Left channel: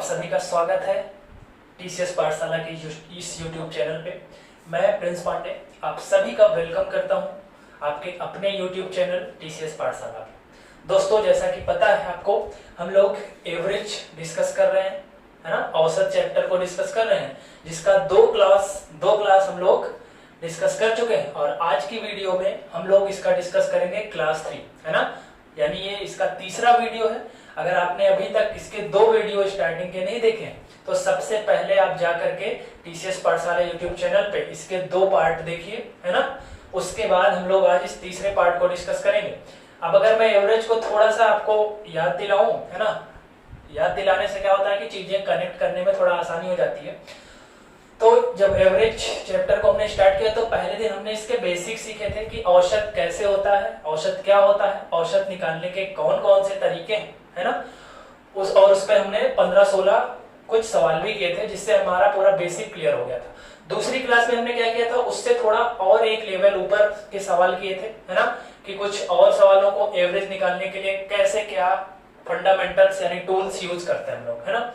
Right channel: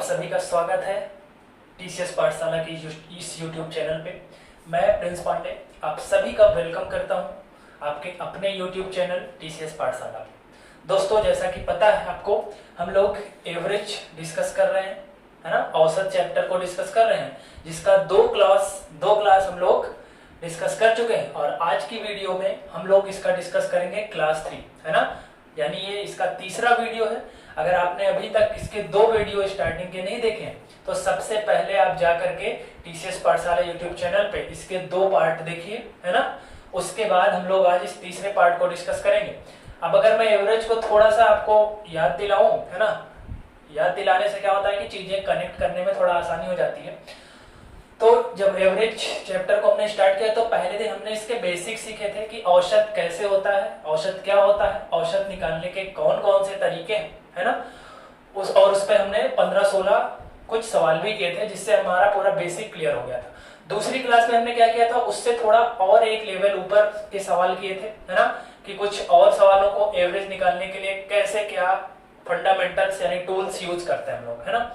आप सभी का स्वागत है टीसीएस पाठशाला की इस यूट्यूब चैनल पे। मैं प्रिंस पांडे आप सभी का वेलकम करता हूं आपके अपने यूट्यूब चैनल टीसीएस पाठशाला पे। दोस्तों, जैसा कि पता है आपको, हम लोग एवरेज डिस्कस कर रहे हैं, है ना। औसत चैप्टर को डिस्कस कर रहे हैं, जिसका दो क्लास हम लोग डिस्कस कर चुके हैं। और आज की वीडियो में हम लोग इसका डिस्कस करेंगे क्लास 3, है ना। यानी ये इसका तीसरा वीडियो है। अगर आपने अभी तक इसके 2 वीडियो स्टार्टिंग के नहीं देखे हैं तो सबसे पहले आप जा करके टीसीएस पाठशाला यूट्यूब चैनल पे इसके 2 पार्ट देखिए, है ना। उसके बाद हम लोग आज इस तीसरे पार्ट को डिस्कस करेंगे। अब अगर मैं एवरेज को थोड़ा सा आपको याद दिलाऊं, है ना, याद दिलाने से क्या होता है कि चीजें कनेक्ट करने में थोड़ा आसानी हो जाती है। तो जब एवरेज चैप्टर को हमने स्टार्ट किया तो पहले दिन हमने इसके बेसिक सीखे थे कि औसत कैसे होता है, औसत क्या होता है, औसत निकालने के कौन कौन से तरीके हैं, है ना। उस पे हमने 15-16 कुछ सवाल भी किए थे, जिससे हमारा पूरा बेसिक क्लियर हो गया था। दूसरी क्लास में हमने क्या किया था, उससे थोड़ा और एक लेवल ऊपर के सवाल किए थे, है ना, कि कुछ और सवालों को एवरेज निकालने के लिए कैसे क्या फंडामेंटल्स यानी टूल्स यूज करते हैं हम लोग, है ना।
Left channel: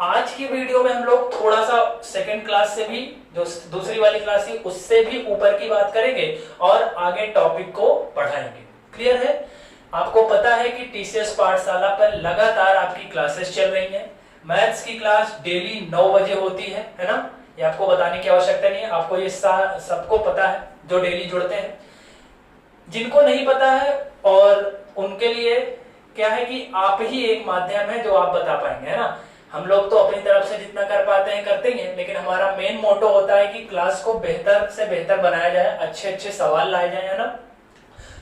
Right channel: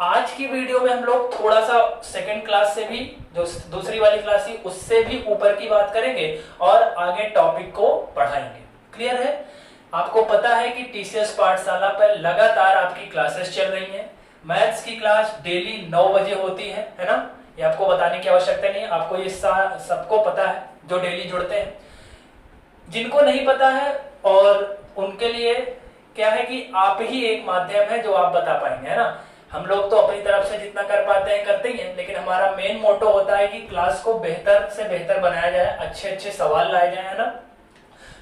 आज की वीडियो में हम लोग थोड़ा सा सेकंड क्लास से भी, जो दूसरी वाली क्लास थी उससे भी ऊपर की बात करेंगे और आगे टॉपिक को बढ़ाएंगे। क्लियर है? आपको पता है कि टीसीएस पाठशाला पर लगातार आपकी क्लासेस चल रही हैं। मैथ्स की क्लास डेली 9 बजे होती है ना। ये आपको बताने की आवश्यकता नहीं है, आपको ये सबको पता है जो डेली जुड़ते हैं। जिनको नहीं पता है और उनके लिए क्या है कि आप ही एक माध्यम है जो आप बता पाएंगे, है ना। हम लोग तो अपनी तरफ से जितना कर पाते हैं करते ही हैं, लेकिन हमारा मेन मोटो होता है कि क्लास को बेहतर से बेहतर बनाया जाए, अच्छे अच्छे सवाल लाए जाए, है ना।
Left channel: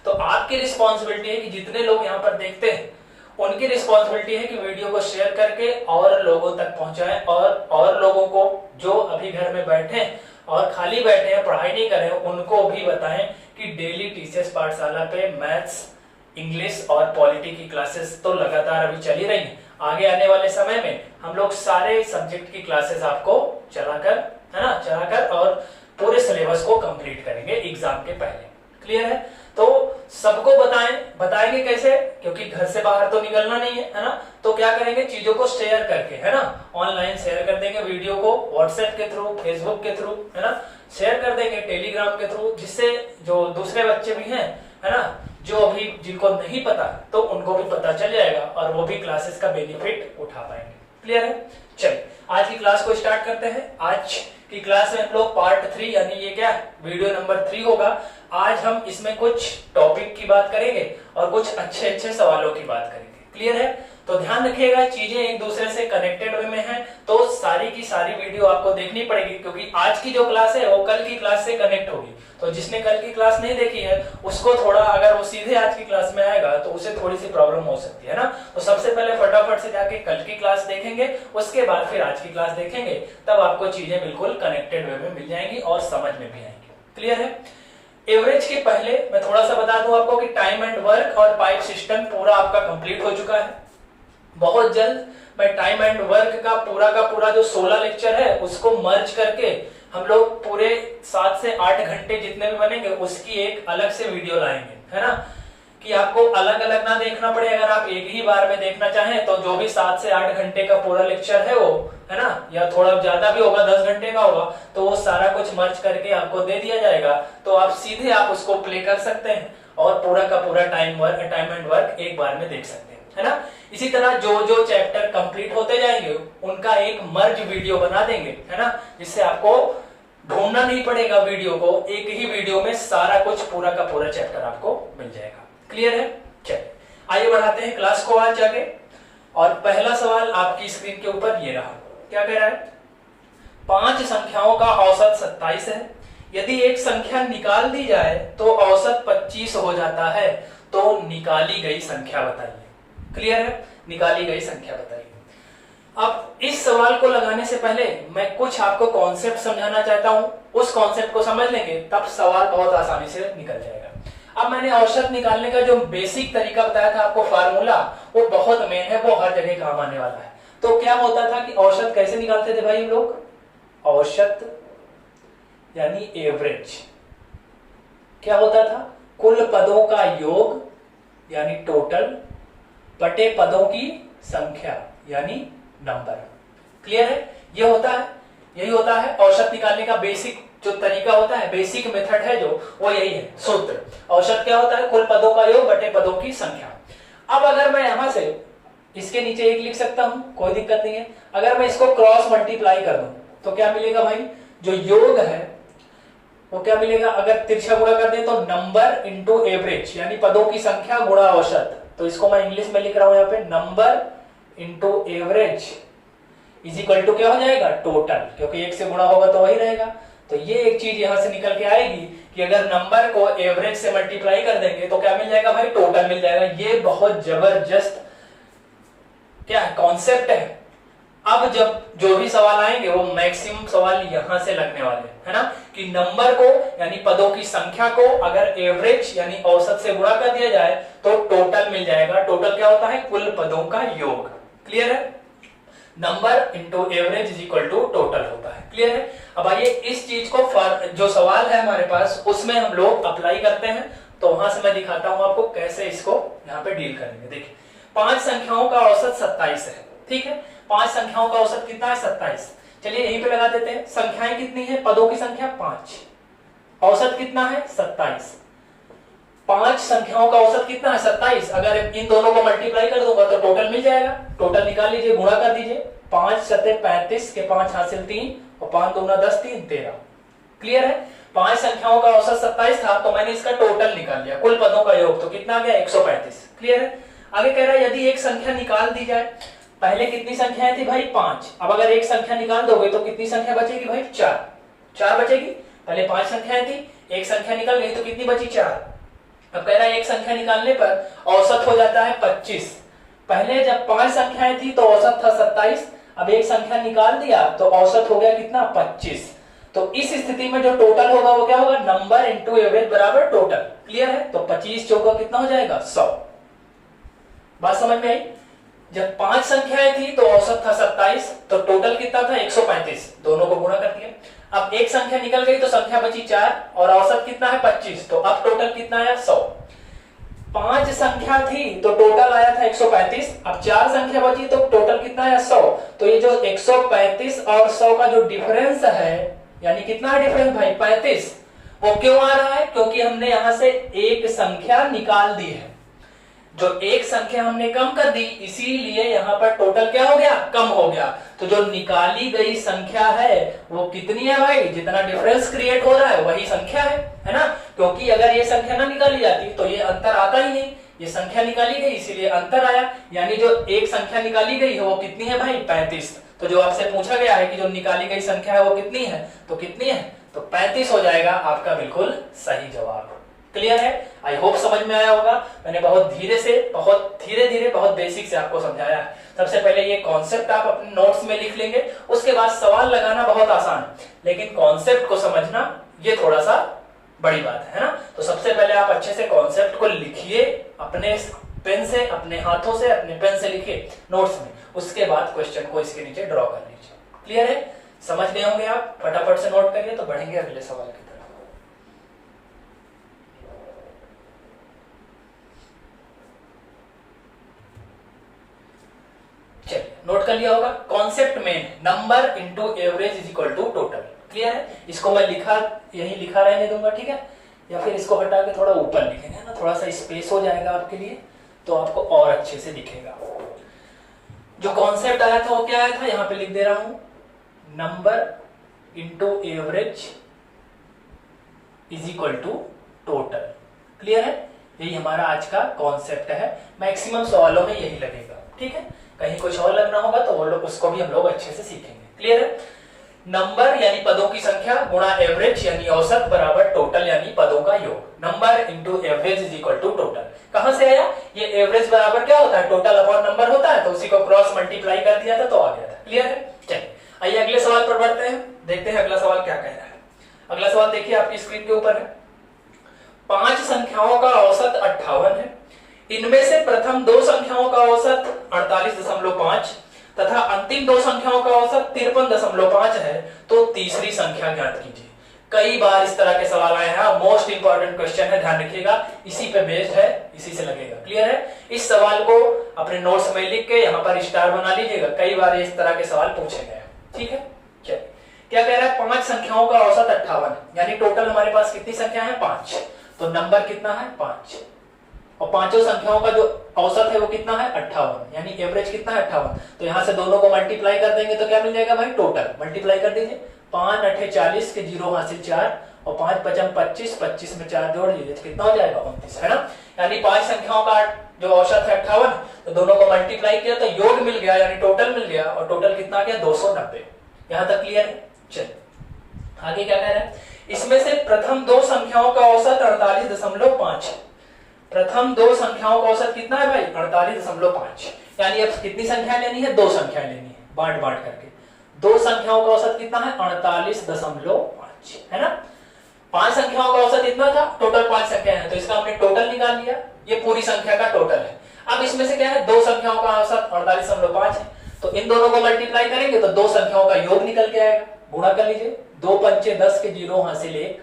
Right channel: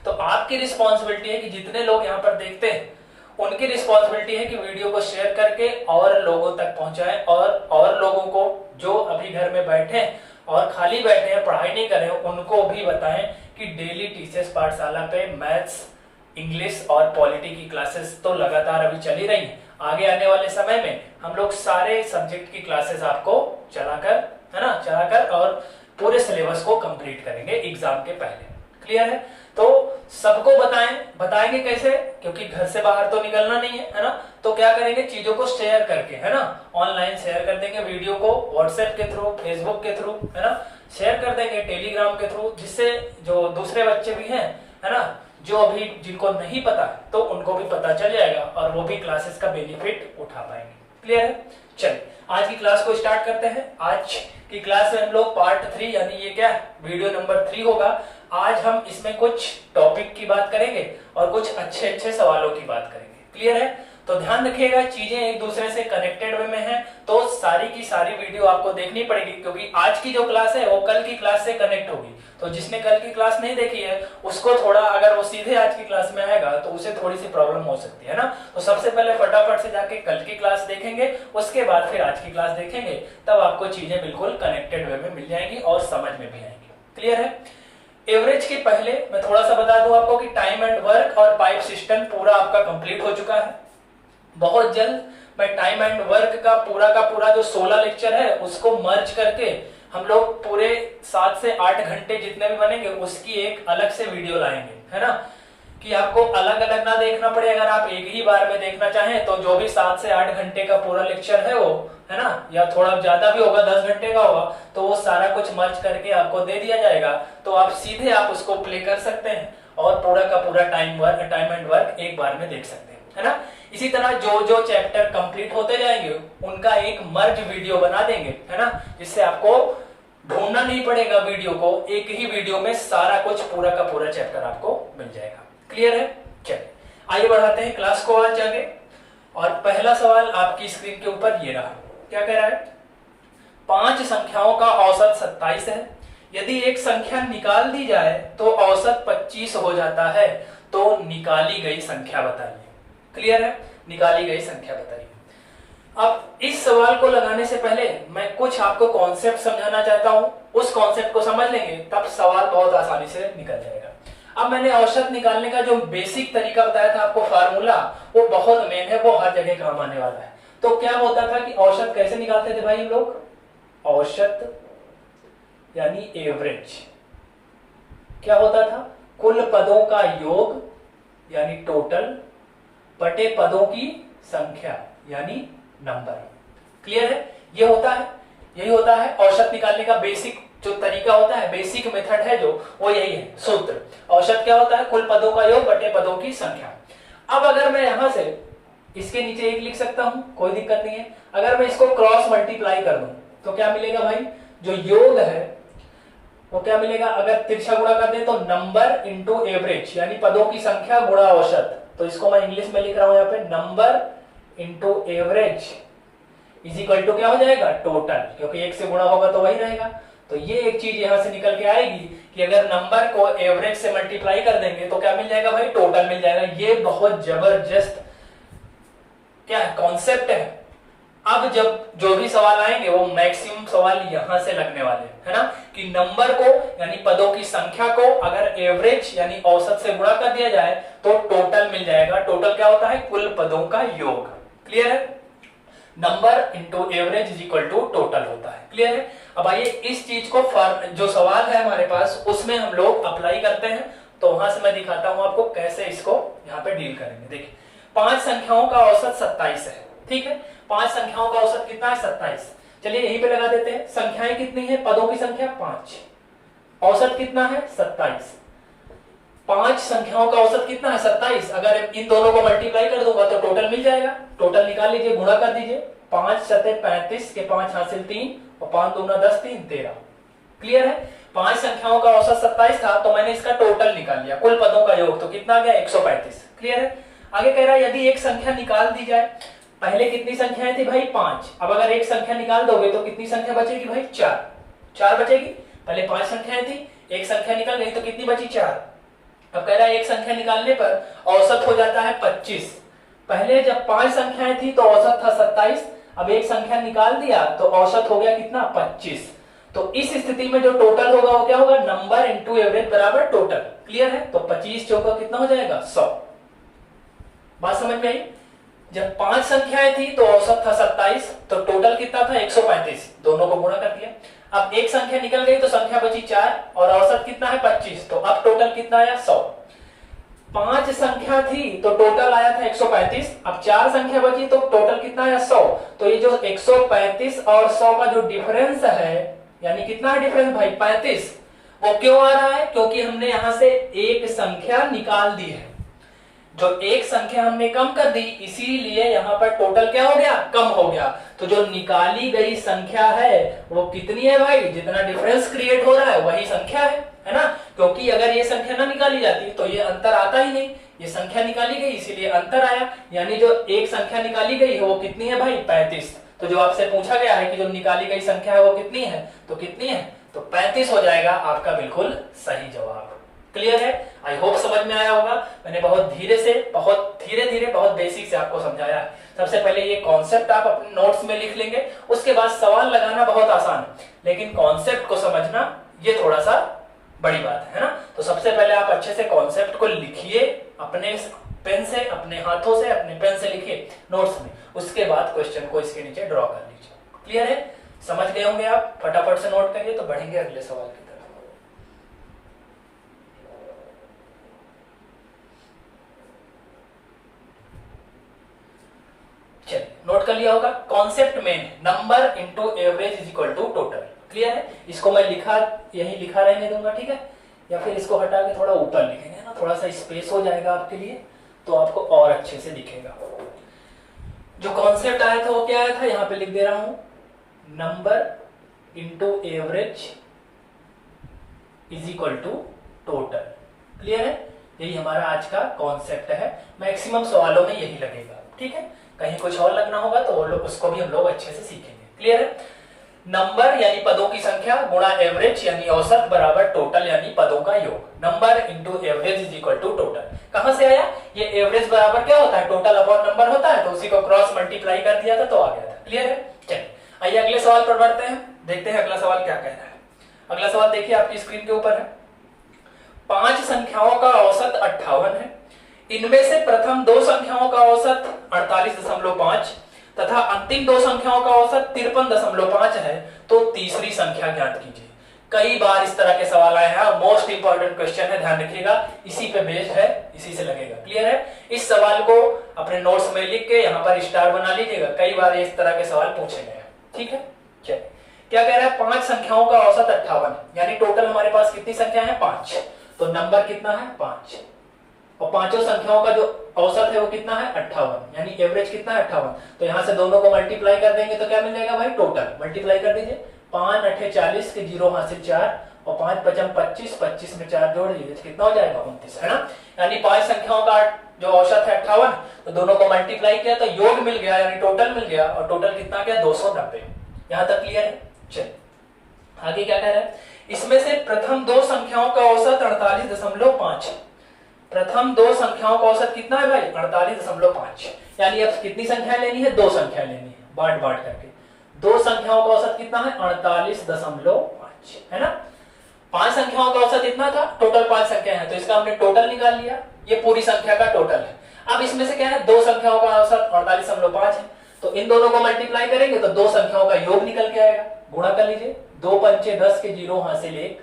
तो आपकी रिस्पॉन्सिबिलिटी है कि जितने लोग यहाँ पर देखते हैं उनकी रिस्पॉन्सिबिलिटी है कि वीडियो को शेयर करके और लोगों तक पहुंचाएं, और लोगों को जो अभी घर में बैठे हैं और खाली बैठे हैं, पढ़ाई नहीं कर रहे हैं, उनको भी बताएं कि डेली टीसीएस पाठशाला पे मैथ्स, इंग्लिश और पॉलिटी की क्लासेस तो लगातार अभी चली रही हैं। आगे आने वाले समय में हम लोग सारे सब्जेक्ट की क्लासेस आपको चलाकर, है ना, चलाकर और पूरे सिलेबस को कंप्लीट करेंगे एग्जाम के पहले। क्लियर है? तो सबको बताएंगे कैसे, क्योंकि घर से बाहर तो निकलना नहीं है ना। तो क्या करेंगे, चीजों को शेयर करके, है ना, ऑनलाइन शेयर कर देंगे वीडियो को, व्हाट्सएप के थ्रू, फेसबुक के थ्रू, है ना, शेयर कर देंगे, टेलीग्राम के थ्रू, जिससे जो दूसरे बच्चे भी हैं, है ना, जो अभी जिनको नहीं पता तो उनको भी पता चल जाएगा और वो भी क्लासेस का बेनिफिट उठा पाएंगे। क्लियर है? चलिए आज की क्लास को स्टार्ट करते हैं। आज की क्लास में हम लोग पार्ट 3 यानी ये क्या वीडियो नंबर 3 होगा। आज हम इसमें कुछ टॉपिक की बात करेंगे और कुछ अच्छे अच्छे सवालों की बात करेंगे। क्लियर है? तो ध्यान रखिएगा, चीजें एक दूसरे से कनेक्टेड वे में हैं, तो सारी की सारी वीडियो आपको देखनी पड़ेगी, क्योंकि आज की जो क्लास है वो कल की क्लास से कनेक्ट होगी। तो जिसने कल की क्लास नहीं देखी है उसको थोड़ा, अगर वो सीधे आज की क्लास में आएगा तो उसे थोड़ी सी प्रॉब्लम हो सकती है ना। तो सबसे पहले फटाफट से जाके कल की क्लास देखेंगे, उसके बाद फिर आज की क्लास देखेंगे, तब आपको चीजें बिल्कुल कनेक्टेड वे में मिल जाएंगी और समझ में भी आएंगी। क्लियर है? एवरेज के पहले मैं थोड़ा सा बता दूं आपको कि टाइम एंड वर्क और पाइप सिस्टम पूरा आपका कंप्लीट हो चुका है। बहुत जल्द मैं टाइम एंड वर्क का पूरा जो 16 लेक्चर है उसको मर्ज करके हम लोग पूरे 7 से 8 घंटे जितने भी बनेंगे उसकी एक अलग से वीडियो लाएंगे, है ना, कि आपको अलग अलग ना देखना पड़े। अगर आप एक ही बार में देखना चाहें तो जो भी 7 से 8 घंटे का पूरा लेक्चर है वो, है ना, या थोड़ा ज्यादा भी होगा, 10 घंटे का होगा, तो वो सारा कुछ मर्ज करके आपको दे दिया जाएगा। तो आप सीधे आप उसको प्ले कर सकते हैं और पूरा का पूरा टाइम एंड वर्क एक बार में देख सकते हैं, है ना। इसी तरह जो जो चैप्टर कंप्लीट होते जाएंगे उनका एक मर्ज वीडियो बना देंगे, है ना, जिससे आपको ढूंढना नहीं पड़ेगा वीडियो को, एक ही वीडियो में सारा कुछ पूरा का पूरा चैप्टर आपको मिल जाएगा। क्लियर है? चलिए आइए बढ़ाते हैं क्लास को आज आगे। और पहला सवाल आपकी स्क्रीन के ऊपर ये रहा। क्या कह रहा है? 5 संख्याओं का औसत 27 है। यदि एक संख्या निकाल दी जाए तो औसत 25 हो जाता है, तो निकाली गई संख्या बताइए। क्लियर है? निकाली गई संख्या बताइए। अब इस सवाल को लगाने से पहले मैं कुछ आपको कॉन्सेप्ट समझाना चाहता हूं, उस कॉन्सेप्ट को समझ लेंगे तब सवाल बहुत आसानी से निकल जाएगा। अब मैंने औसत निकालने का जो बेसिक तरीका बताया था आपको, फार्मूला, वो बहुत मेन है, वो हर जगह काम आने वाला है। तो क्या होता था कि औसत कैसे निकालते थे भाई हम लोग? औसत यानी एवरेज क्या होता था? कुल पदों का योग यानी टोटल बटे पदों की संख्या यानी नंबर। क्लियर है? ये होता है, यही होता है औसत निकालने का बेसिक जो तरीका होता है, बेसिक मेथड है जो, वो यही है सूत्र। औसत क्या होता है? कुल पदों का योग बटे पदों की संख्या। अब अगर मैं यहां से इसके नीचे एक लिख सकता हूं, कोई दिक्कत नहीं है। अगर मैं इसको क्रॉस मल्टीप्लाई कर दूं तो क्या मिलेगा भाई? जो योग है वो क्या मिलेगा? अगर तिरछा गुणा कर दे तो नंबर इंटू एवरेज, यानी पदों की संख्या गुणा औसत। तो इसको मैं इंग्लिश में लिख रहा हूं यहाँ पे, number into average is equal to क्या हो जाएगा? टोटल, क्योंकि एक से गुणा होगा तो वही रहेगा। तो ये एक चीज यहां से निकल के आएगी कि अगर नंबर को एवरेज से मल्टीप्लाई कर देंगे तो क्या मिल जाएगा भाई? टोटल मिल जाएगा। ये बहुत जबरदस्त क्या है? कॉन्सेप्ट है। अब जब जो भी सवाल आएंगे वो मैक्सिमम सवाल यहां से लगने वाले है ना, कि नंबर को यानी पदों की संख्या को अगर एवरेज यानी औसत से गुणा कर दिया जाए तो टोटल मिल जाएगा। टोटल क्या होता है? कुल पदों का योग। क्लियर है? Number into average is equal to total होता है। क्लियर है? अब आइए इस चीज को जो सवाल है हमारे पास उसमें हम लोग अप्लाई करते हैं। तो वहां से मैं दिखाता हूं आपको कैसे इसको यहाँ पे डील करेंगे। देखिए 5 संख्याओं का औसत 27 है, ठीक है? 5 संख्याओं का औसत कितना है? 27। चलिए यहीं पे लगा देते हैं। संख्याएं कितनी है? पदों की संख्या 5, औसत कितना है? 27। 5 संख्याओं का औसत कितना है? 27। अगर इन दोनों को मल्टीप्लाई कर दूंगा तो टोटल मिल जाएगा। टोटल निकाल लीजिए, गुणा कर दीजिए। 5 सते 35 के 5 हासिल 3 और 5 दूना 10, 3 13। क्लियर है? 5 संख्याओं का औसत 27 था तो मैंने इसका टोटल निकाल लिया, कुल पदों का योग। तो कितना आ गया? 135। क्लियर है? आगे कह रहा है यदि एक संख्या निकाल दी जाए। पहले कितनी संख्याएं थी भाई? 5। अब अगर एक संख्या निकाल दोगे तो कितनी संख्या बचेगी भाई? 4 बचेगी। पहले 5 संख्याएं थी, एक संख्या निकल गई तो कितनी बची? 4। अब कह रहा है एक संख्या निकालने पर औसत हो जाता है 25। पहले जब 5 संख्याएं थी तो औसत था 27, अब एक संख्या निकाल दिया तो औसत हो गया कितना? 25। तो इस स्थिति में जो टोटल होगा वो क्या होगा? नंबर इंटू एवरेज बराबर टोटल। क्लियर है? तो 25 चौका कितना हो जाएगा? 100। बात समझ में आई? जब 5 संख्याएं थी तो औसत था 27, तो टोटल कितना था? 135। दोनों को गुणा कर दिया। अब एक संख्या निकल गई तो संख्या बची 4 और औसत कितना है? 25। तो अब टोटल कितना आया? 100। 5 संख्या थी तो टोटल आया था 135। अब 4 संख्या बची तो टोटल कितना आया? 100। तो ये जो 135 और 100 का जो डिफरेंस है, यानी कितना है डिफरेंस भाई? 35। वो क्यों आ रहा है? क्योंकि हमने यहां से एक संख्या निकाल दी है। जो एक संख्या हमने कम कर दी, इसीलिए यहां पर टोटल क्या हो गया? कम हो गया। तो जो निकाली गई संख्या है वो कितनी है भाई? जितना डिफरेंस क्रिएट हो रहा है वही संख्या है ना? क्योंकि अगर ये संख्या ना निकाली जाती तो ये अंतर आता ही नहीं। ये संख्या निकाली गई इसीलिए अंतर आया। यानी जो एक संख्या निकाली गई है वो कितनी है भाई? 35। तो जो आपसे पूछा गया है कि जो निकाली गई संख्या है वो कितनी है, तो कितनी है? तो 35 हो जाएगा आपका बिल्कुल सही जवाब। क्लियर है? आई होप समझ में आया होगा। मैंने बहुत धीरे धीरे बहुत बेसिक से आपको समझाया है। सबसे पहले ये कॉन्सेप्ट आप अपने नोट्स में लिख लेंगे, उसके बाद सवाल लगाना बहुत आसान है, लेकिन कॉन्सेप्ट को समझना ये थोड़ा सा बड़ी बात है ना? तो सबसे पहले आप अच्छे से कॉन्सेप्ट को लिखिए, अपने पेन से, अपने हाथों से, अपने पेन से लिखिए नोट्स में। उसके बाद क्वेश्चन को इसके नीचे ड्रॉ कर लीजिए। क्लियर है? समझ गए होंगे आप? फटाफट से नोट करिए तो बढ़ेंगे अगले सवाल की तरफ। चलिए नोट कर लिया होगा। कॉन्सेप्ट में number into average is equal to total. Clear है? इसको मैं यही लिखा रहने दूंगा, ठीक है? या फिर इसको हटा के थोड़ा ऊपर लिखेंगे ना, थोड़ा सा स्पेस हो जाएगा आपके लिए, तो आपको और अच्छे से दिखेगा। जो कॉन्सेप्ट आया था वो क्या आया था? यहां पे लिख दे रहा हूं, number into average is equal to total. Clear है? यही हमारा आज का कॉन्सेप्ट है। मैक्सिमम सवालों में यही लगेगा, ठीक है? कहीं कुछ और लगना होगा तो वो लोग उसको भी हम लोग अच्छे से सीखेंगे। क्लियर है? नंबर यानी पदों की संख्या गुणा एवरेज यानी औसत बराबर टोटल यानी पदों का योग। Number into average is equal to total. कहां से आया? ये एवरेज बराबर क्या होता है? टोटल अपॉन नंबर होता है, तो उसी को क्रॉस मल्टीप्लाई कर दिया था तो आ गया था। क्लियर है? चलिए आइए अगले सवाल पर बढ़ते हैं, देखते हैं अगला सवाल क्या कह रहा है। अगला सवाल देखिए आपकी स्क्रीन के ऊपर है। 5 संख्याओं का औसत 58 है। इनमें से प्रथम 2 संख्याओं का औसत 48.5 तथा अंतिम 2 संख्याओं का औसत 53.5 है, तो तीसरी संख्या ज्ञात कीजिए। कई बार इस तरह के सवाल आए हैं, मोस्ट इंपॉर्टेंट क्वेश्चन है, ध्यान रखिएगा, इसी पे बेस्ड है, इसी से लगेगा। क्लियर है? इस सवाल को अपने नोट्स में लिख के यहाँ पर स्टार बना लीजिएगा, कई बार इस तरह के सवाल पूछे गए। ठीक है, चलिए क्या कह रहा है, 5 संख्याओं का औसत 58, यानी टोटल हमारे पास कितनी संख्या है 5, तो नंबर कितना है 5, और पांचों संख्याओं का जो औसत है वो कितना है 58, यानी एवरेज कितना है 58। तो यहां से दोनों को मल्टीप्लाई कर देंगे तो क्या मिल जाएगा भाई, टोटल मल्टीप्लाई कर दीजिए, 5 8 40 के 0 हासिल 4 और 5 5 25, 25 में 4 जोड़ लीजिए कितना हो जाएगा 29, है ना। यानी 5 संख्याओं का जो औसत है 58, तो दोनों को मल्टीप्लाई किया तो योग मिल गया, यानी टोटल मिल गया, और टोटल कितना गया 290। यहां तक क्लियर है। चलिए आगे क्या कह रहे हैं, इसमें से प्रथम दो संख्याओं का औसत 48.5 है। प्रथम दो संख्याओं का औसत कितना है भाई 48.5, यानी अब कितनी संख्या लेनी है, दो संख्या लेनी है, बांट बांट करके दो संख्याओं का औसत कितना है 48.5, है ना। 5 संख्याओं का औसत इतना था, टोटल 5 संख्या है, तो इसका हमने टोटल निकाल लिया, ये पूरी संख्या का टोटल है। अब इसमें से क्या है, दो संख्याओं का औसत 48.5 है, तो इन दोनों को मल्टीप्लाई करेंगे तो दो संख्याओं का योग निकल के आएगा, गुणा कर लीजिए, 2 पंचे 10 के 0 हासिल 1,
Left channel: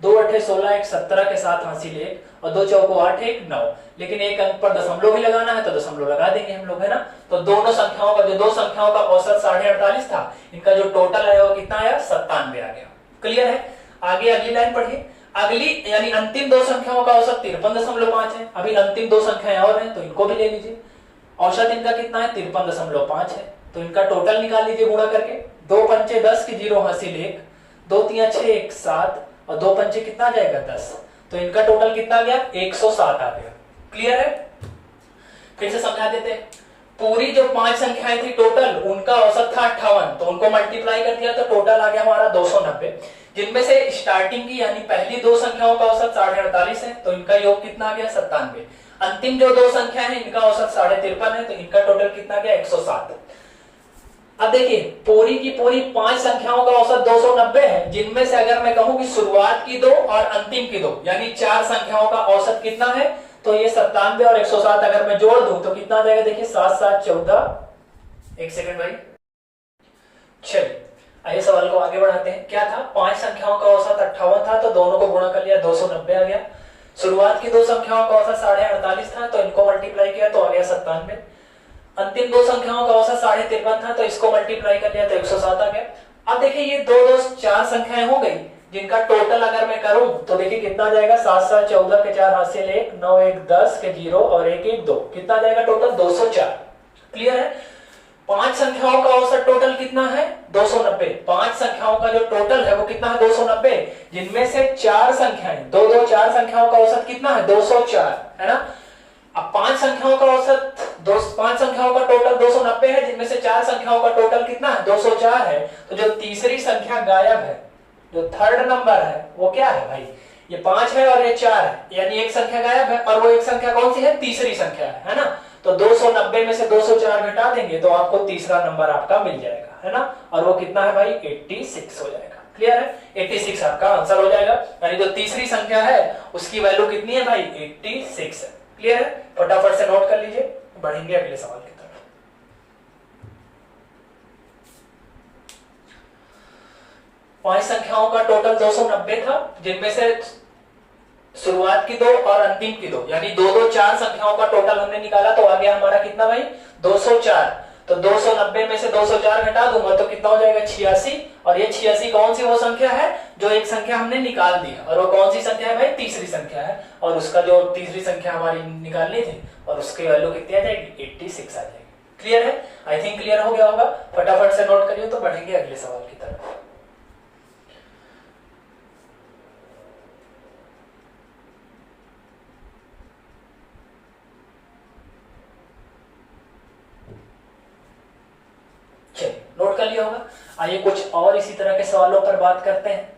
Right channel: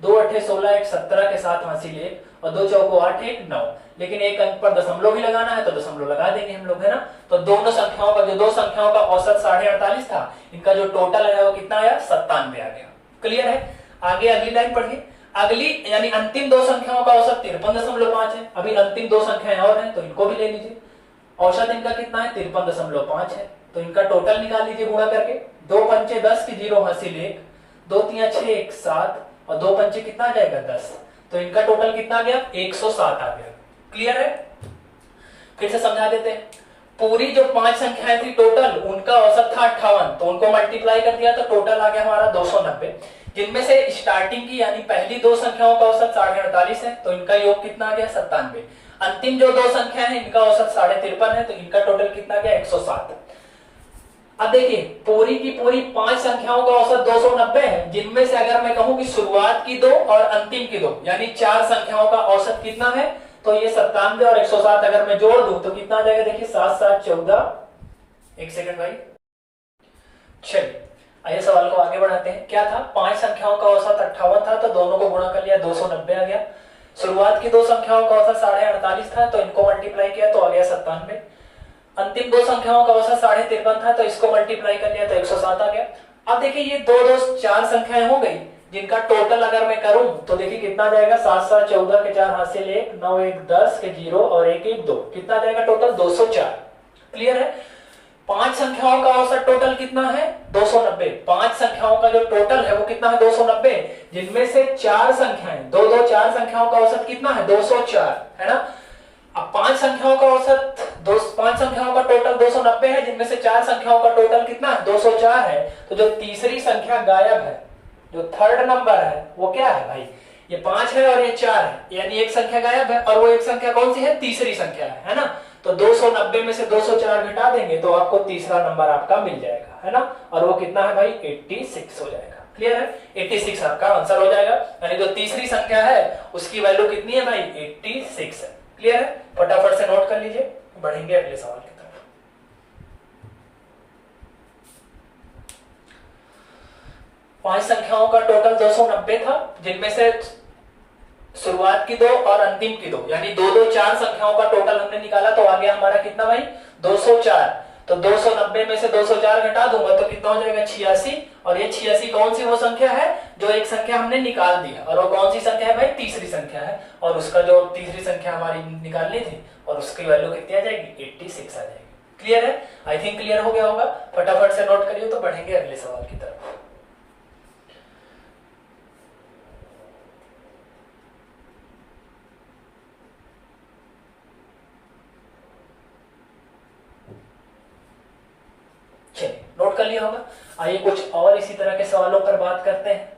2 8 16 1 17 के साथ हासिल 1 और 2 चौको 8 1 9, लेकिन एक अंक पर दशमलव भी लगाना है तो दशमलव लगा देंगे हम लोग, है ना। तो दोनों संख्याओं का, जो दो संख्याओं का औसत 48.5 था, इनका जो टोटल है वो कितना आया 97 आ गया। क्लियर है। आगे अगली लाइन पढ़िए, अगली यानी अंतिम दो संख्याओं का औसत 53.5 है। अभी अंतिम दो संख्याएं और हैं तो इनको भी ले लीजिए, औसत इनका कितना है 53.5 है, तो इनका टोटल निकाल लीजिए गुणा करके, 2 पंचे 10 के 0 हासिल 1, 2 3 6 1 7 और 2 पंचे कितना आ जाएगा 10, तो इनका टोटल कितना आ गया 107 आ गया। क्लियर है। फिर से समझा देते हैं, पूरी जो 5 संख्याएं थी टोटल, उनका औसत था 58, तो उनको मल्टीप्लाई कर दिया तो टोटल आ गया हमारा 290, जिनमें से स्टार्टिंग की यानी पहली दो संख्याओं का औसत 48.5 है, तो इनका योग कितना आ गया 97। अंतिम जो दो संख्या है इनका औसत 53.5 है, तो इनका टोटल कितना गया 107। अब देखिए पूरी की पूरी 5 संख्याओं का औसत 290 है, जिनमें से अगर मैं कहूं कि शुरुआत की दो और अंतिम की दो यानी 4 संख्याओं का औसत कितना है, तो ये 97 और 107 अगर मैं जोड़ दूं तो कितना आ जाएगा, देखिए 7 7 14, एक सेकंड भाई, चलिए आइए सवाल को आगे बढ़ाते हैं। क्या था, 5 संख्याओं का औसत 58 था, तो दोनों को गुणा कर लिया 290 आ गया। शुरुआत की दो संख्याओं का औसत 48.5 था, तो इनको मल्टीप्लाई किया तो आ गया 97। अंतिम दो संख्याओं का औसत 53.5 था, तो इसको मल्टीप्लाई कर लिया तो 107 आ गया। अब देखिए ये दो 4 संख्याएं हो गई, जिनका टोटल अगर मैं करूं तो देखिए कितना आ जाएगा, 7 7 14 के 4 हासिल 1, 9 1 10 के 0 और 1 1 2, कितना आ जाएगा टोटल 204। क्लियर है। 5 संख्याओं का औसत टोटल कितना है 290, 5 संख्याओं का जो टोटल है वो कितना है 290, जिनमें से 4 संख्याएं, दो 4 संख्याओं का औसत कितना है 204, है ना। अब 5 संख्याओं का औसत 5 संख्याओं का टोटल 290 है, जिनमें से 4 संख्याओं का टोटल कितना है 204 है, तो जो तीसरी संख्या गायब है, जो थर्ड नंबर है वो क्या है भाई, ये 5 है और ये 4 है, यानी एक संख्या गायब है, और वो एक संख्या कौन सी है, तीसरी संख्या है ना। तो 290 में से 204 घटा देंगे तो आपको तीसरा नंबर आपका मिल जाएगा, है ना, और वो कितना है भाई 86 हो जाएगा। क्लियर है, 86 आपका आंसर हो जाएगा, यानी जो तीसरी संख्या है उसकी वैल्यू कितनी है भाई 86 है। क्लियर है, फटाफट से नोट कर लीजिए, बढ़ेंगे अगले सवाल की तरफ। 5 संख्याओं का टोटल 290 था, जिनमें से शुरुआत की दो और अंतिम की दो यानी 4 संख्याओं का टोटल हमने निकाला, तो आ गया हमारा कितना भाई 204। तो 290 में से 204 घटा दूंगा तो कितना हो जाएगा 86, और ये 86 कौन सी वो संख्या है जो एक संख्या हमने निकाल दी है, और वो कौन सी संख्या है भाई तीसरी संख्या है, और उसका जो तीसरी संख्या हमारी निकालनी थी और उसकी वैल्यू कितनी आ जाएगी 86 आ जाएगी। क्लियर है, आई थिंक क्लियर हो गया होगा, फटाफट से नोट करिए तो बढ़ेंगे अगले सवाल की तरफ। नोट कर लिया होगा। आइए कुछ और इसी तरह के सवालों पर बात करते हैं।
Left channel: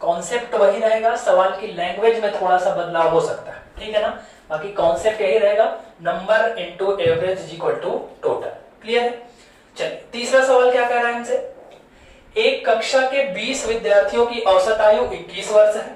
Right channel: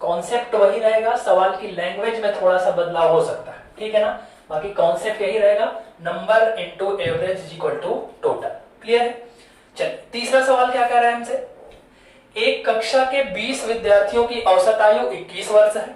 कॉन्सेप्ट वही रहेगा, सवाल की लैंग्वेज में थोड़ा सा बदलाव हो सकता है, ठीक है ना, बाकी कॉन्सेप्ट यही रहेगा, number into average is equal to total. Clear है। चलिए तीसरा सवाल क्या कह रहा है हमसे, एक कक्षा के 20 विद्यार्थियों की औसत आयु 21 वर्ष है,